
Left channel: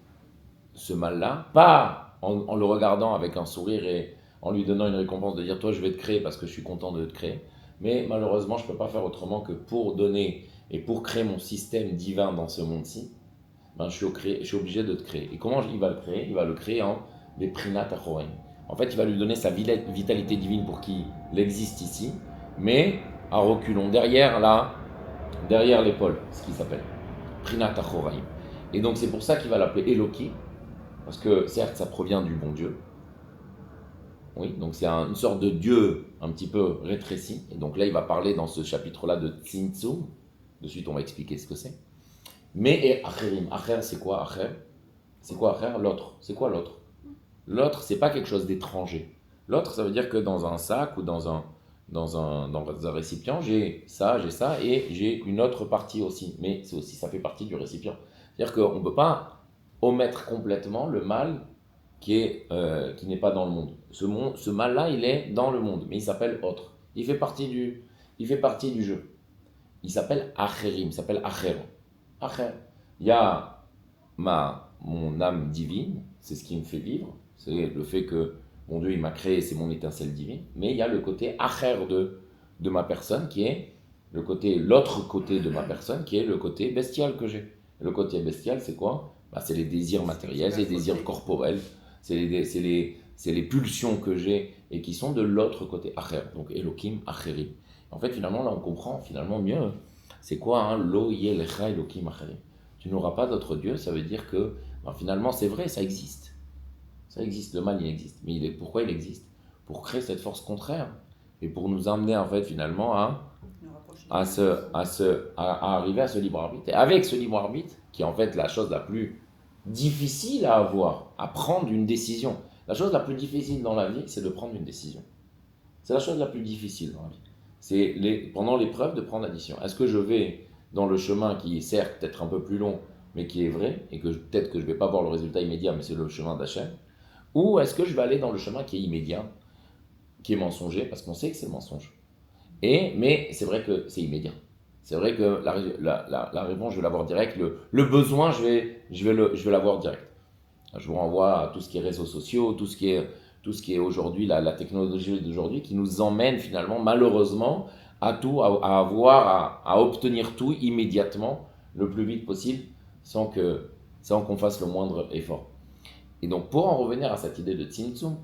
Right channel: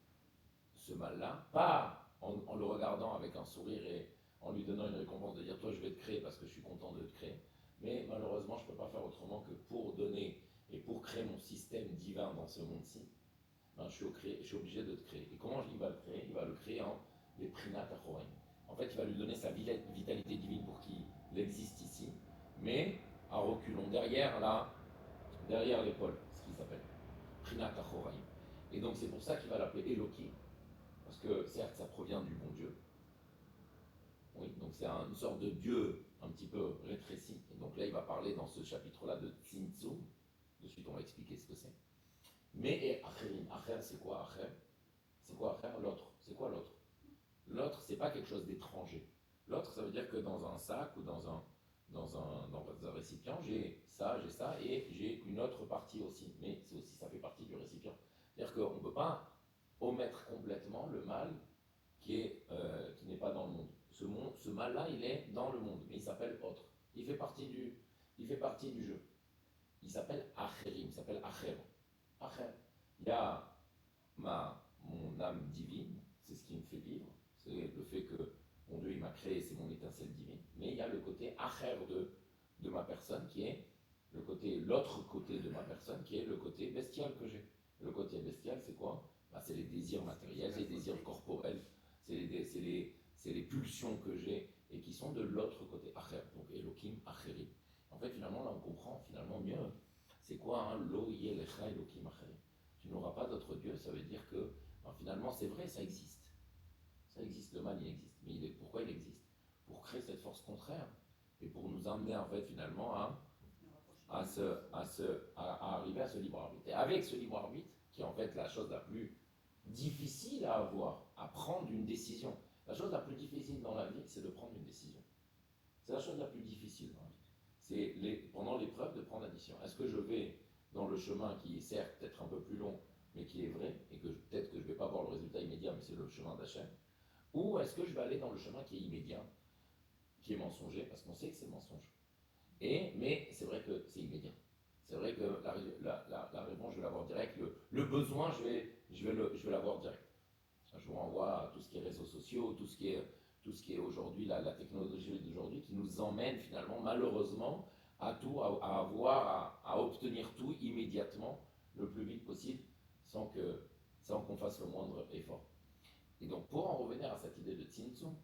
ce mal-là, pas en le regardant avec un sourire et en lui donnant une récompense de dire, toi, je vais te créer parce que je suis content de te créer. Mais malheureusement, je ne peux pas faire autrement que pour donner et pour créer mon système divin dans ce monde-ci, je suis obligé de te créer. Et comment il va le créer? Il va le créer en des Prinat Achorim. En fait, il va lui donner sa vitalité divine pour qu'il existe ici, mais à reculons, derrière l'épaule, ce qu'il s'appelle. Prinat Achorim. Et donc, c'est pour ça qu'il va l'appeler Eloki, parce que certes, ça provient du bon Dieu. Oui, donc c'est une sorte de Dieu un petit peu rétréci. Et donc là, il va parler dans ce chapitre-là de Tzimtzum. De suite, on va expliquer ce que c'est. Mais Acherim, Acher, c'est quoi Acher? C'est quoi Acher? L'autre. C'est quoi l'autre? L'autre, c'est pas quelque chose d'étranger. L'autre, ça veut dire que dans un sac ou dans un récipient, j'ai ça, et j'ai une autre partie aussi. Mais c'est aussi, ça fait partie du récipient. C'est-à-dire qu'on ne peut pas omettre complètement le mal qui n'est pas dans le monde. Ce mal-là, il est dans le monde, mais il s'appelle autre. Il fait partie du jeu. Il s'appelle Acherim, il s'appelle Acher. Acher. Il y a mon âme divine, c'est ce qui me fait vivre, c'est le fait que mon Dieu il m'a créé, c'est mon étincelle divine, mais il y a le côté Acher de ma personne qui est l'autre côté de ma personne qui est le côté bestial que j'ai. Le côté bestial, c'est quoi? C'est les désirs matériels, c'est les désirs corporels, c'est les pulsions que j'ai et qui sont de l'autre côté Acher, donc Elohim Acherim. En fait, finalement, là, on comprend finalement mieux. C'est quoi Lo yelecha Elohim Acherim? Tu n'auras pas d'autre Dieu, ça veut dire que finalement, c'est vrai, ça existe. Ça existe, le mal, il existe. Mais pourquoi il existe? Pour créer cette force contraire et pour nous amener, en fait, finalement, à arriver à ce libre arbitre. Et avec ce libre arbitre, qui est en fait la chose la plus difficile à avoir, à prendre une décision. La chose la plus difficile dans la vie, c'est de prendre une décision. C'est la chose la plus difficile dans la vie. C'est pendant l'épreuve de prendre la décision. Est-ce que je vais dans le chemin qui est certes peut-être un peu plus long, mais qui est vrai, et que peut-être que je ne vais pas voir le résultat immédiat, mais c'est le chemin d'Hachem, ou est-ce que je vais aller dans le chemin qui est immédiat, qui est mensonger, parce qu'on sait que c'est le mensonge. Mais c'est vrai que c'est immédiat. C'est vrai que la réponse, je vais l'avoir direct. Le besoin, je vais l'avoir direct. Je vous renvoie à tout ce qui est réseaux sociaux, tout ce qui est aujourd'hui, la technologie d'aujourd'hui, qui nous emmène finalement, malheureusement, à avoir, à obtenir tout immédiatement, le plus vite possible, sans qu'on fasse le moindre effort. Et donc, pour en revenir à cette idée de Tzimtzum,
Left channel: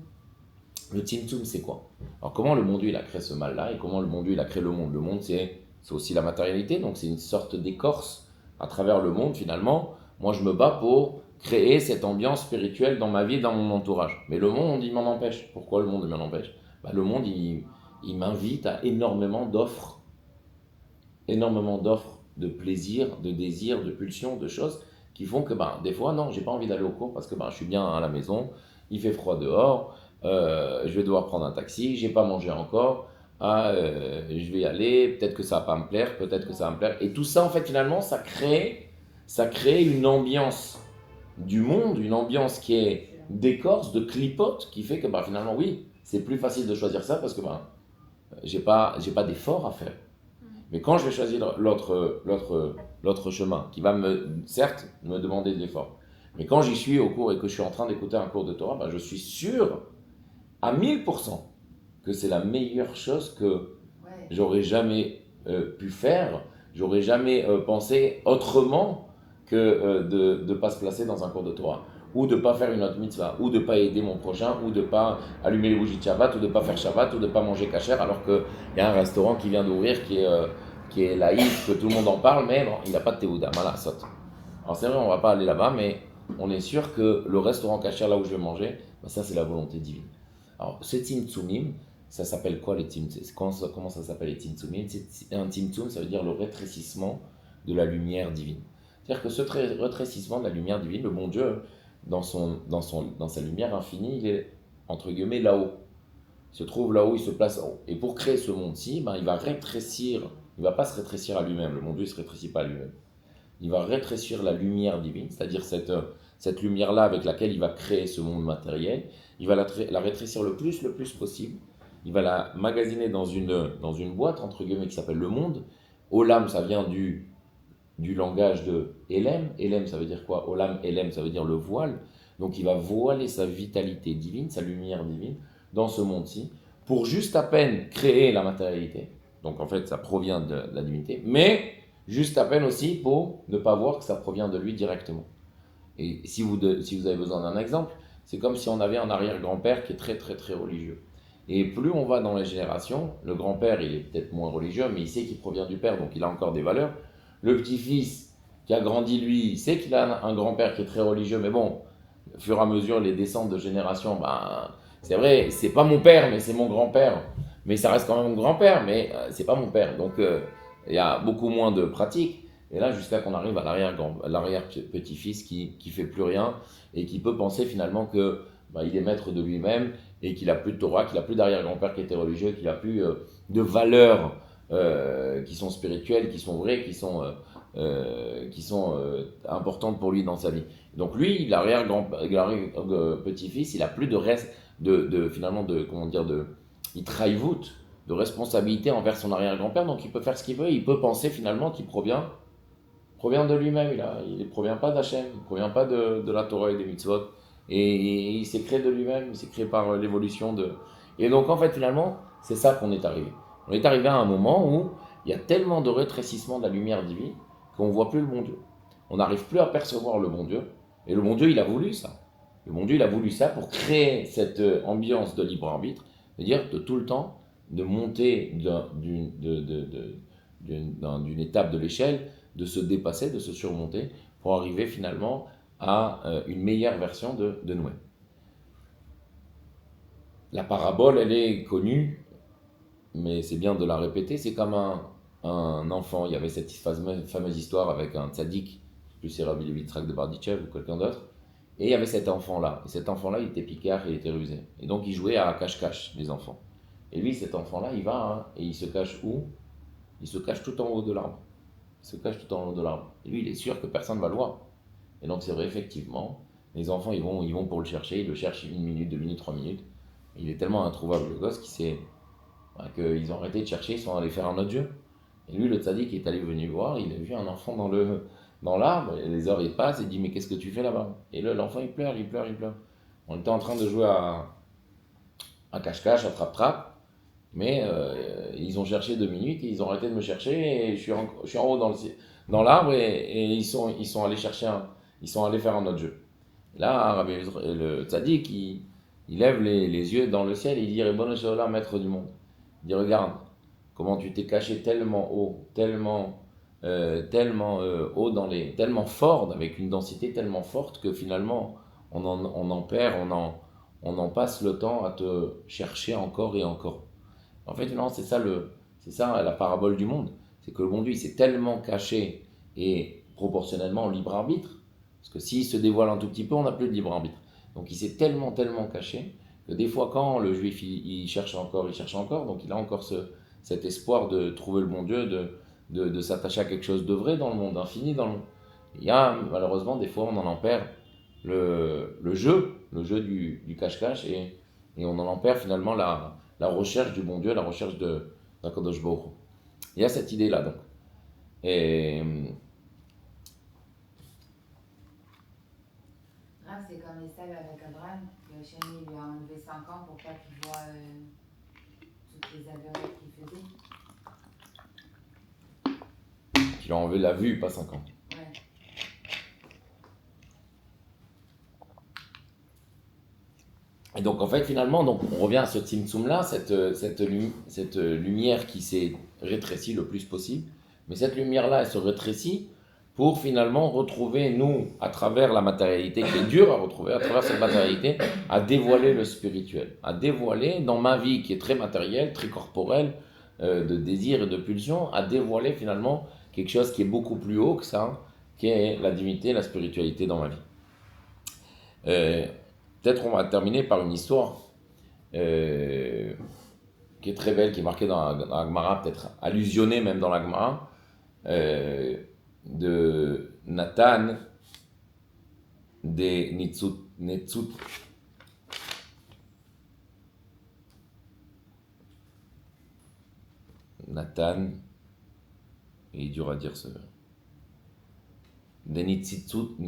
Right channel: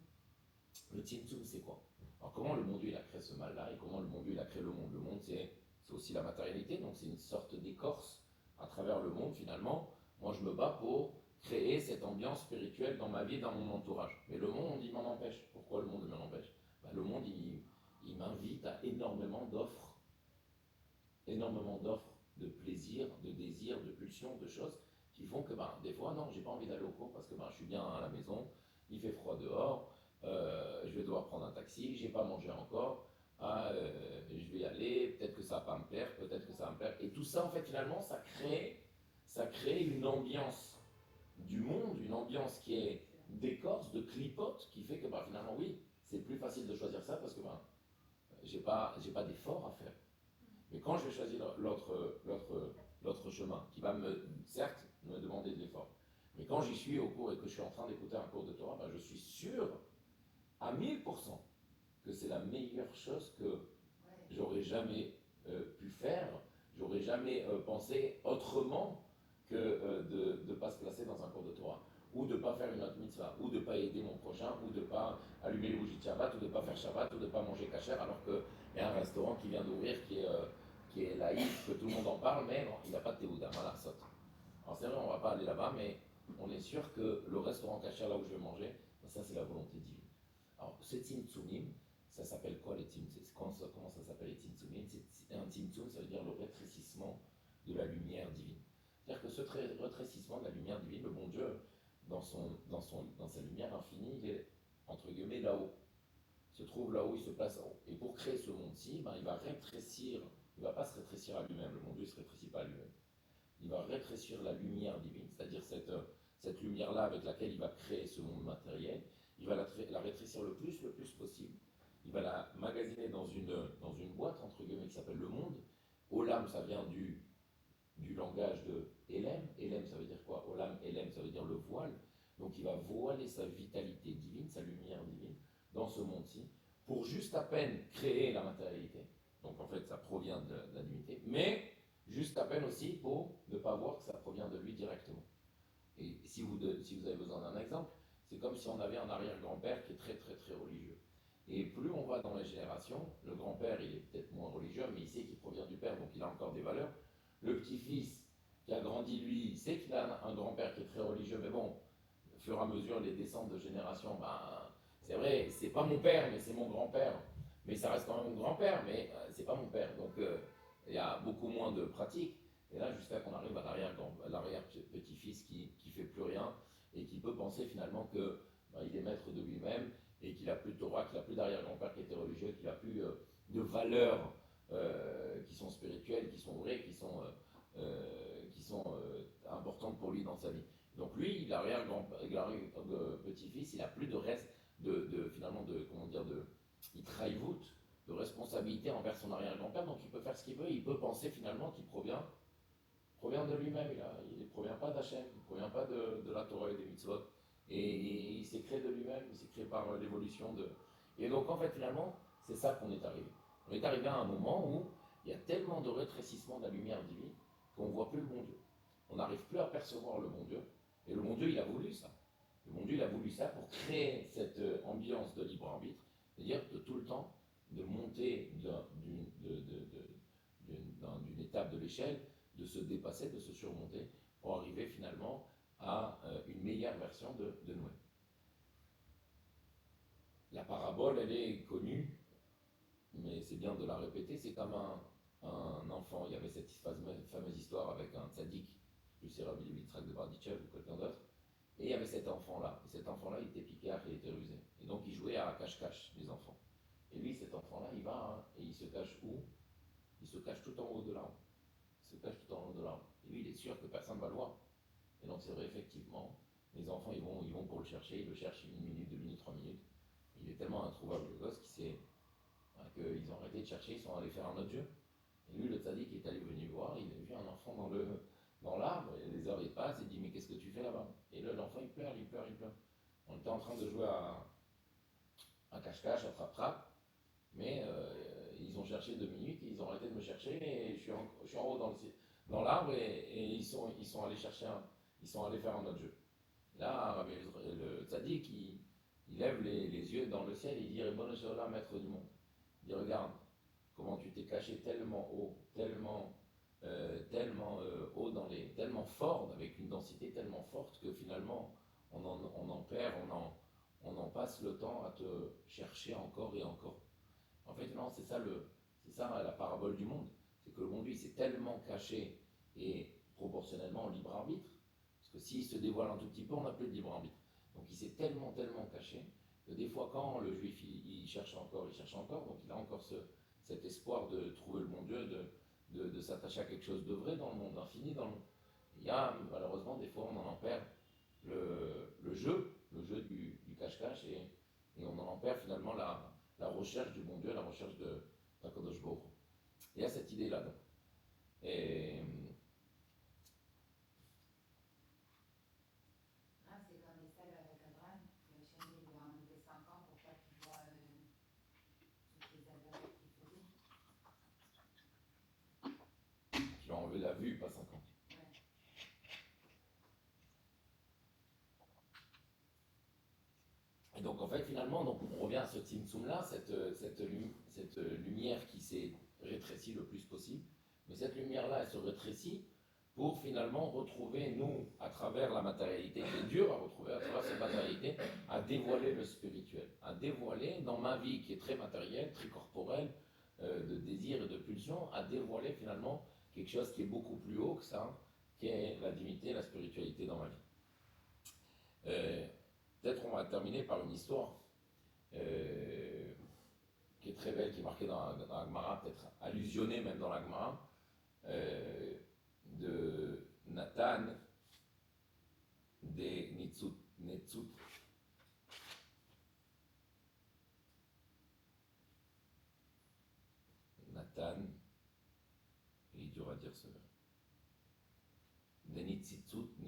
le Tzimtzum, c'est quoi? Alors, comment le bon Dieu il a créé ce mal-là et comment le bon Dieu il a créé le monde? Le monde, c'est aussi la matérialité, donc c'est une sorte d'écorce à travers le monde finalement. Moi, je me bats pour créer cette ambiance spirituelle dans ma vie et dans mon entourage. Mais le monde, il m'en empêche. Pourquoi le monde m'en empêche? Le monde, il m'invite à énormément d'offres de plaisir, de désir, de pulsions, de choses qui font que des fois, non, j'ai pas envie d'aller au cours parce que je suis bien à la maison, il fait froid dehors, je vais devoir prendre un taxi, j'ai pas mangé encore, je vais y aller, peut-être que ça va pas me plaire, peut-être que ça va me plaire. Et tout ça, en fait, finalement, ça crée une ambiance du monde, une ambiance qui est d'écorce, de clipote, qui fait que finalement, oui, c'est plus facile de choisir ça parce que j'ai pas d'effort à faire. Mais quand je vais choisir l'autre chemin, qui va certes me demander de l'effort, mais quand j'y suis au cours et que je suis en train d'écouter un cours de Torah, je suis sûr à 1000% que c'est la meilleure chose que j'aurais jamais pu faire, j'aurais jamais pensé autrement que de ne pas se placer dans un cours de Torah, ou de ne pas faire une autre mitzvah, ou de ne pas aider mon prochain, ou de ne pas allumer les bougies de Shabbat, ou de ne pas faire Shabbat, ou de ne pas manger kasher, alors qu'il y a un restaurant qui vient d'ouvrir qui est laïque, que tout le monde en parle, mais bon, il n'a pas de théouda, voilà, saute. Alors c'est vrai, on ne va pas aller là-bas, mais on est sûr que le restaurant kasher, là où je vais manger, ça c'est la volonté divine. Alors ce Tzimtzumim, ça s'appelle quoi les Tzimtzum? Comment ça s'appelle les Tzimtzumim? Un Tzimtzum, ça veut dire le rétrécissement de la lumière divine. C'est-à-dire que ce rétrécissement de la lumière divine, le bon Dieu, dans sa lumière infinie, il est entre guillemets là-haut. Il se trouve là-haut, il se place en haut. Et pour créer ce monde-ci, il va rétrécir, il ne va pas se rétrécir à lui-même, le bon Dieu ne se rétrécit pas à lui-même. Il va rétrécir la lumière divine, c'est-à-dire cette lumière-là avec laquelle il va créer ce monde matériel, il va la rétrécir le plus possible. Il va la magasiner dans une boîte, entre guillemets, qui s'appelle le monde. Olam, ça vient du langage de Elem. Elem, ça veut dire quoi? Olam, Elem, ça veut dire le voile. Donc il va voiler sa vitalité divine, sa lumière divine, dans ce monde-ci, pour juste à peine créer la matérialité. Donc en fait, ça provient de la divinité, mais juste à peine aussi pour ne pas voir que ça provient de lui directement. Et si vous avez besoin d'un exemple, c'est comme si on avait un arrière-grand-père qui est très très très religieux. Et plus on va dans les générations, le grand-père, il est peut-être moins religieux, mais il sait qu'il provient du père, donc il a encore des valeurs. Le petit-fils qui a grandi, lui, il sait qu'il a un grand-père qui est très religieux, mais bon, au fur et à mesure, les descentes de génération, c'est vrai, c'est pas mon père, mais c'est mon grand-père. Mais ça reste quand même mon grand-père, mais c'est pas mon père. Donc il y a beaucoup moins de pratiques. Et là, jusqu'à qu'on arrive à l'arrière-petit-fils qui fait plus rien et qui peut penser finalement que il est maître de lui-même et qu'il a plus de Torah, qu'il a plus d'arrière-grand-père qui était religieux, qu'il a plus de valeurs qui sont spirituelles, qui sont vraies, qui sont importantes pour lui dans sa vie. Donc lui, l'arrière-petit-fils, il a plus de reste il trahit de responsabilité envers son arrière-grand-père, donc il peut faire ce qu'il veut, il peut penser finalement qu'il provient de lui-même, il ne provient pas d'Hachem, il ne provient pas de la Torah et des mitzvot, et il s'est créé de lui-même, il s'est créé par l'évolution de... Et donc en fait finalement, c'est ça qu'on est arrivé. On est arrivé à un moment où il y a tellement de rétrécissement de la lumière divine qu'on ne voit plus le bon Dieu. On n'arrive plus à percevoir le bon Dieu, et le bon Dieu il a voulu ça. Le bon Dieu il a voulu ça pour créer cette ambiance de libre arbitre, c'est-à-dire de tout le temps de monter d'une étape de l'échelle, de se dépasser, de se surmonter, pour arriver finalement à une meilleure version de nous-mêmes. La parabole, elle est connue, mais c'est bien de la répéter. C'est comme un enfant. Il y avait cette fameuse histoire avec un tzaddik, plus c'est Rabbi Levi Yitzhak de Barditchev ou quelqu'un d'autre, et il y avait cet enfant-là. Et cet enfant-là, il était picard et il était rusé. Et donc, il jouait à cache-cache, les enfants. Et lui, cet enfant-là, il va, et il se cache où? Il se cache tout en haut de l'arbre. Il se cache tout en haut de l'arbre. Et lui, il est sûr que personne ne va le voir. Et donc, c'est vrai, effectivement, les enfants, ils vont pour le chercher. Ils le cherchent 1 minute, 2 minutes, 3 minutes. Il est tellement introuvable, le gosse, qu'il s'est qu'ils ont arrêté de chercher, ils sont allés faire un autre Dieu. Et lui, le tzaddik, est allé venir voir, il a vu un enfant dans l'arbre, et les heures ils passent, il dit mais qu'est-ce que tu fais là-bas? Et là, l'enfant il pleure. On était en train de jouer à cache-cache, à trappe-trappe, mais ils ont cherché 2 minutes, et ils ont arrêté de me chercher, et je suis en haut dans l'arbre, et ils sont allés ils sont allés faire un autre jeu. Là, le tzaddik, il lève les yeux dans le ciel, et il dit Ribono shel olam, maître du monde. Il dit regarde, comment tu t'es caché tellement haut, tellement haut tellement fort, avec une densité tellement forte que finalement on en perd, on en passe le temps à te chercher encore et encore. En fait, non, c'est ça la parabole du monde. C'est que le bon Dieu, il s'est tellement caché et proportionnellement au libre arbitre, parce que s'il se dévoile un tout petit peu, on n'a plus de libre arbitre. Donc il s'est tellement caché que des fois quand le juif il cherche encore, donc il a encore cet espoir de trouver le bon Dieu, de s'attacher à quelque chose de vrai dans le monde, d'infini dans le monde. Il y a malheureusement des fois on en perd le jeu du cache-cache, et on en perd finalement la recherche du bon Dieu, la recherche d'Akadosh Baruch Hu. Il y a cette idée là donc. Et c'est comme Esav avec Abraham, que Hachem lui a enlevé 5 ans pour pas qu'il voit toutes les avéries qu'il faisait. qu'il a enlevé la vue, pas 5 ans. Ouais. Et donc en fait finalement, donc, on revient à ce Tzimtzum là, cette lumière qui s'est rétrécie le plus possible, mais cette lumière là elle se rétrécit pour finalement retrouver nous, à travers la matérialité qui est dure à retrouver, à travers cette matérialité, à dévoiler le spirituel, à dévoiler dans ma vie qui est très matérielle, très corporelle, de désir et de pulsion, à dévoiler finalement quelque chose qui est beaucoup plus haut que ça, qui est la divinité, la spiritualité dans ma vie. Peut-être on va terminer par une histoire qui est très belle, qui est marquée dans la Gemara, peut-être allusionnée même dans la Gemara, de Nathan de Netzut. Nathan, il est dur à dire ce. De Netzitzouta.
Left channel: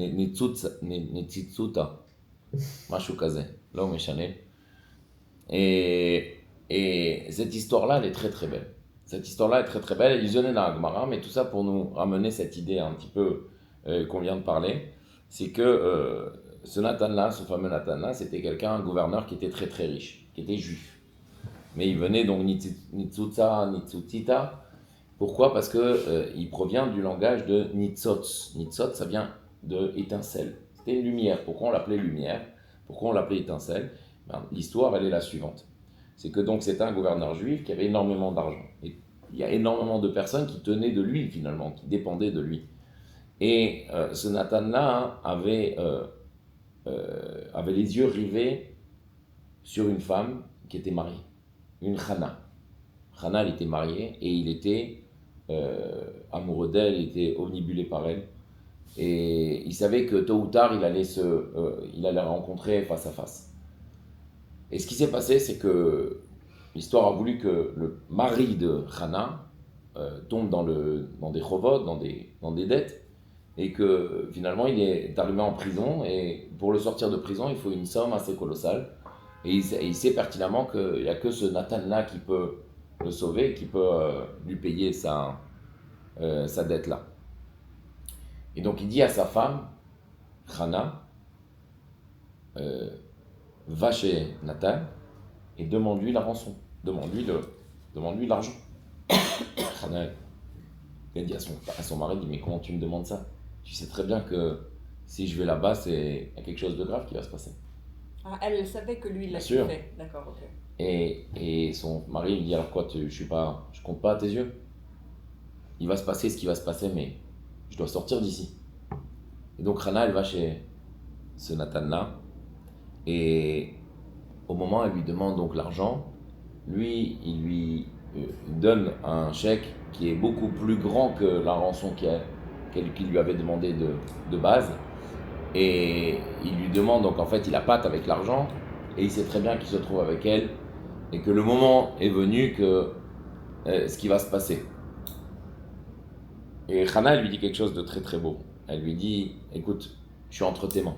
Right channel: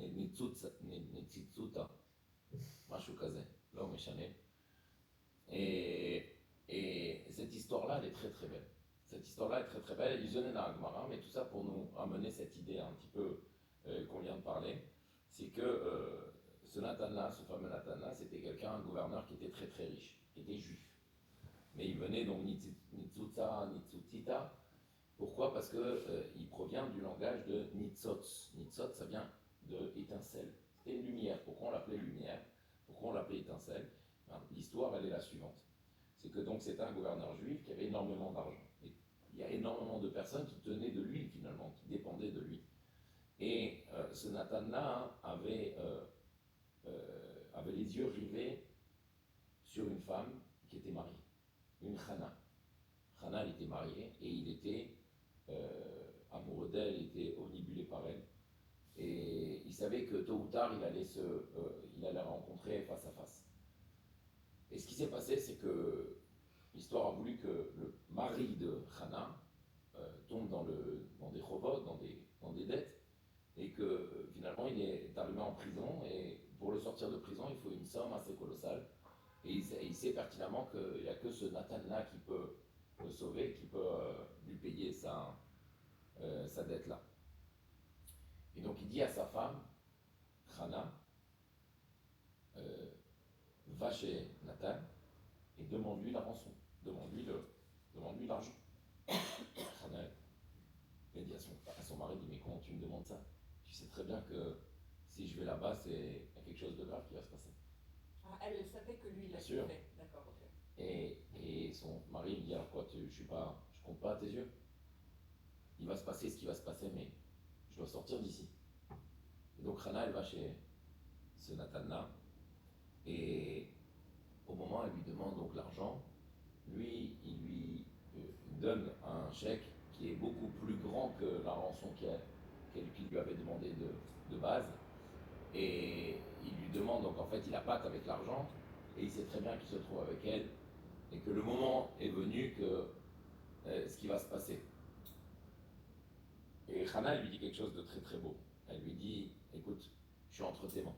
Mashu Kazé, là où et cette histoire-là, elle est très très belle. Cette histoire-là est très très belle, illusionnée dans la Gemara, mais tout ça pour nous ramener cette idée un petit peu qu'on vient de parler, c'est que ce Nathan-là, ce fameux Nathan-là, c'était quelqu'un, un gouverneur qui était très très riche, qui était juif. Mais il venait donc Nitzutita. Pourquoi? Parce qu'il provient du langage de Nitzotz. Nitzotz, ça vient de étincelle. C'était une lumière. Pourquoi on l'appelait lumière? Pourquoi on l'appelait étincelle? L'histoire, elle est la suivante. C'est que donc c'était un gouverneur juif qui avait énormément d'argent. Et il y a énormément de personnes qui tenaient de lui finalement, qui dépendaient de lui. Et ce Nathan-là avait les yeux rivés sur une femme qui était mariée, une Chana. Chana, elle était mariée et il était amoureux d'elle, il était omnibulé par elle. Et il savait que tôt ou tard, il allait la rencontrer face à face. Et ce qui s'est passé, c'est que l'histoire a voulu que le mari de Chana tombe dans des chovot, dans des dettes, et que finalement il est arrivé en prison, et pour le sortir de prison, il faut une somme assez colossale. Et il sait pertinemment qu'il n'y a que ce Nathan-là qui peut le sauver, qui peut lui payer sa dette-là. Et donc il dit à sa femme, Chana, va chez Nathan et demande-lui la rançon, demande-lui l'argent. Chana, elle dit à son mari, dit, mais comment tu me demandes ça? Tu sais très bien que si je vais là-bas, il y a quelque chose de grave qui va se passer. Ah, elle savait que lui, il l'a sûr. fait. D'accord, ok. Et son mari lui dit, alors quoi, je compte pas à tes yeux. Il va se passer ce qui va se passer, mais je dois sortir d'ici. Et donc Chana, elle va chez ce Nathan-là, et au moment où elle lui demande donc l'argent, lui, il lui donne un chèque qui est beaucoup plus grand que la rançon qu'il lui avait demandé de base, et il lui demande, donc en fait il appâte avec l'argent, et il sait très bien qu'il se trouve avec elle et que le moment est venu que ce qui va se passer. Et Hana, elle lui dit quelque chose de très très beau. Elle lui dit, écoute, je suis entre tes mains.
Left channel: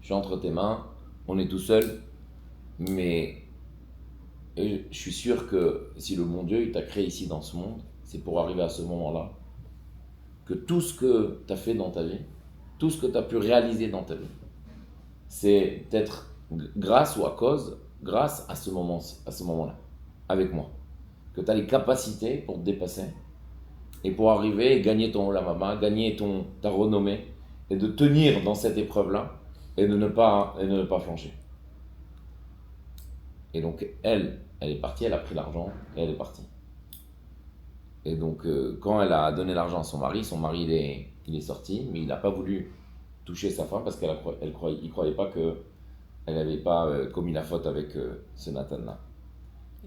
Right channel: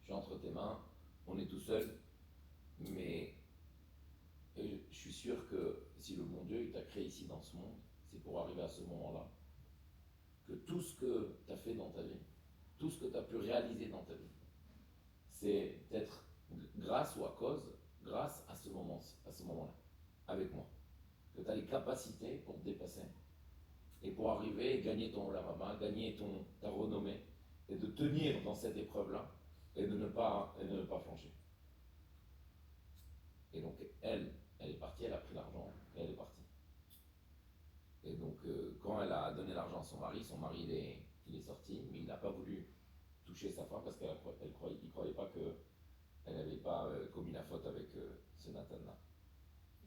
Je suis entre tes mains, on est tout seul, mais je suis sûr que si le bon Dieu il t'a créé ici dans ce monde, c'est pour arriver à ce moment-là, que tout ce que tu as fait dans ta vie, tout ce que tu as pu réaliser dans ta vie, c'est peut-être grâce ou à cause, grâce à ce moment-là, avec moi. Que tu as les capacités pour te dépasser et pour arriver et gagner ton olamama, gagner ta renommée et de tenir dans cette épreuve-là et de ne pas flancher. Et donc elle est partie, elle a pris l'argent et elle est partie. Et donc quand elle a donné l'argent à son mari il est sorti, mais il n'a pas voulu toucher sa femme parce il croyait pas qu'elle n'avait pas commis la faute avec ce Nathan-là.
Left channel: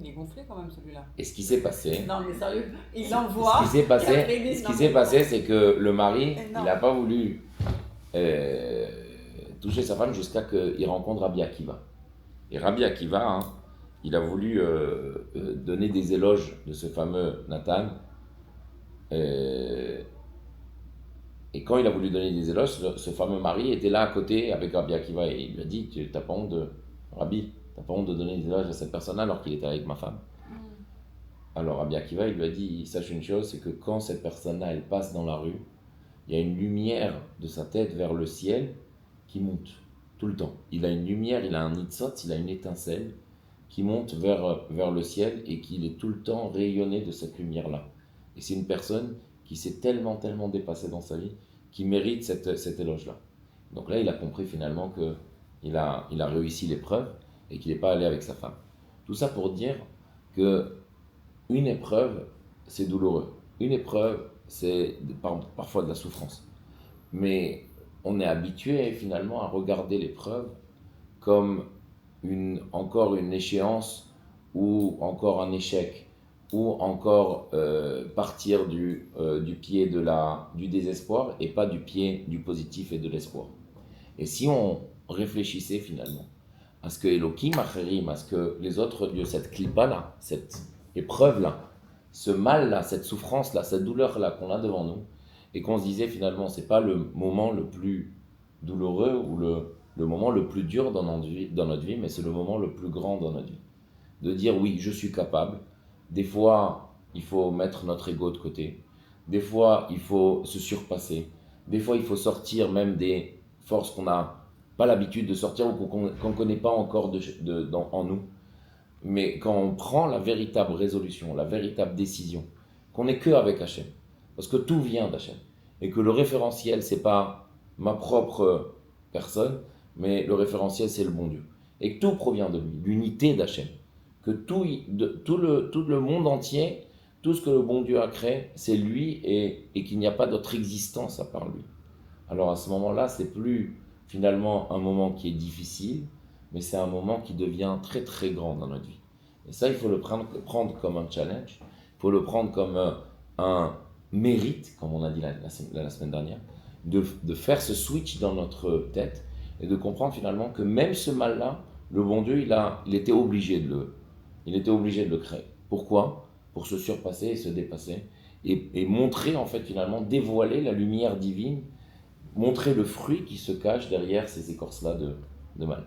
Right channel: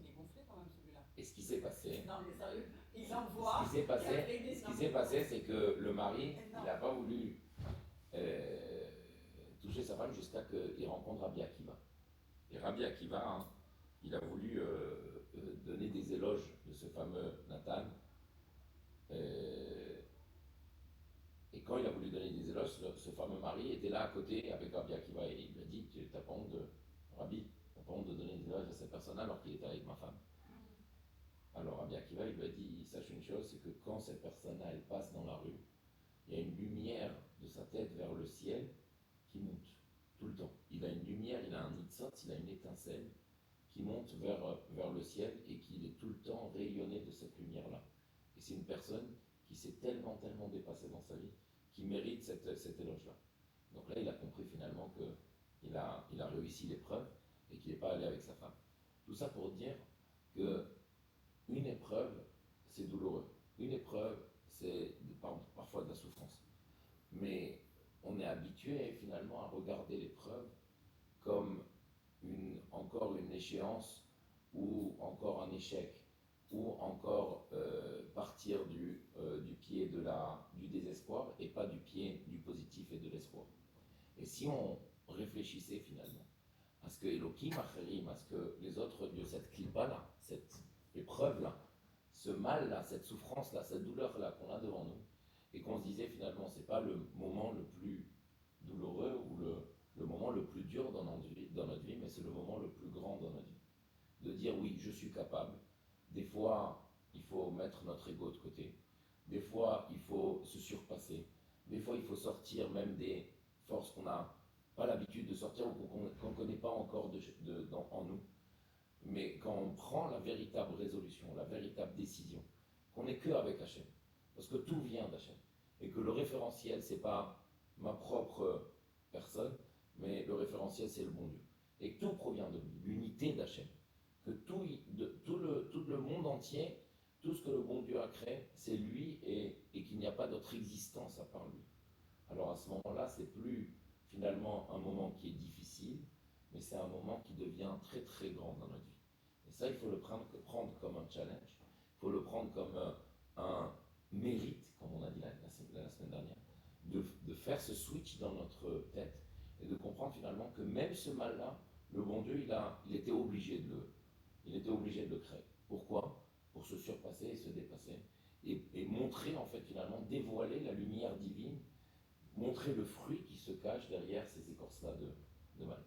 Il est gonflé quand même celui-là. Et ce qui s'est passé, Non mais sérieux, il l'envoie. ce qui s'est passé, c'est que le mari, il n'a pas voulu toucher sa femme jusqu'à qu'il rencontre Rabbi Akiva. Et Rabbi Akiva, hein, il a voulu donner des éloges de ce fameux Nathan. Et quand il a voulu donner des éloges, ce fameux mari était là à côté avec Rabbi Akiva et il lui a dit, t'as pas honte Rabbi, t'as pas honte de donner des éloges à cette personne alors qu'il était avec ma femme. Alors Rabbi Akiva, il lui a dit, sache une chose, c'est que quand cette personne-là, elle passe dans la rue, il y a une lumière de sa tête vers le ciel qui monte tout le temps. Il a une lumière, il a un nitzot, il a une étincelle qui monte vers le ciel et qu'il est tout le temps rayonné de cette lumière-là. Et c'est une personne qui s'est tellement dépassée dans sa vie, qui mérite cet éloge-là. Donc là, il a compris finalement qu'il a réussi l'épreuve et qu'il n'est pas allé avec sa femme. Tout ça pour dire que une épreuve, c'est douloureux. Une épreuve, c'est parfois de la souffrance. Mais on est habitué finalement à regarder l'épreuve comme encore une échéance ou encore un échec ou encore partir du pied du désespoir et pas du pied du positif et de l'espoir. Et si on réfléchissait finalement à ce que Elohim Acherim, à ce que les autres dieux, cette clipa-là, cette épreuve-là, ce mal-là, cette souffrance-là, cette douleur-là qu'on a devant nous, et qu'on se disait finalement, c'est pas le moment le plus douloureux ou le moment le plus dur dans notre vie, mais c'est le moment le plus grand dans notre vie. De dire oui, je suis capable. Des fois, il faut mettre notre ego de côté. Des fois, il faut se surpasser. Des fois, il faut sortir même des forces qu'on n'a pas l'habitude de sortir ou qu'on ne connaît pas encore en nous. Mais quand on prend la véritable résolution, la véritable décision, qu'on n'est que avec Hachem, parce que tout vient d'Hachem, et que le référentiel, c'est pas ma propre personne, mais le référentiel, c'est le bon Dieu. Et que tout provient de lui, l'unité d'Hachem. Que tout le monde entier, tout ce que le bon Dieu a créé, c'est lui et qu'il n'y a pas d'autre existence à part lui. Alors à ce moment-là, c'est plus finalement un moment qui est difficile, mais c'est un moment qui devient très très grand dans notre vie. Et ça, il faut le prendre comme un challenge, il faut le prendre comme un mérite, comme on a dit la semaine dernière, de faire ce switch dans notre tête et de comprendre finalement que même ce mal-là, le bon Dieu, il était obligé de le créer. Pourquoi ? Pour se surpasser et se dépasser et montrer en fait finalement, dévoiler la lumière divine, montrer le fruit qui se cache derrière ces écorces-là de mal.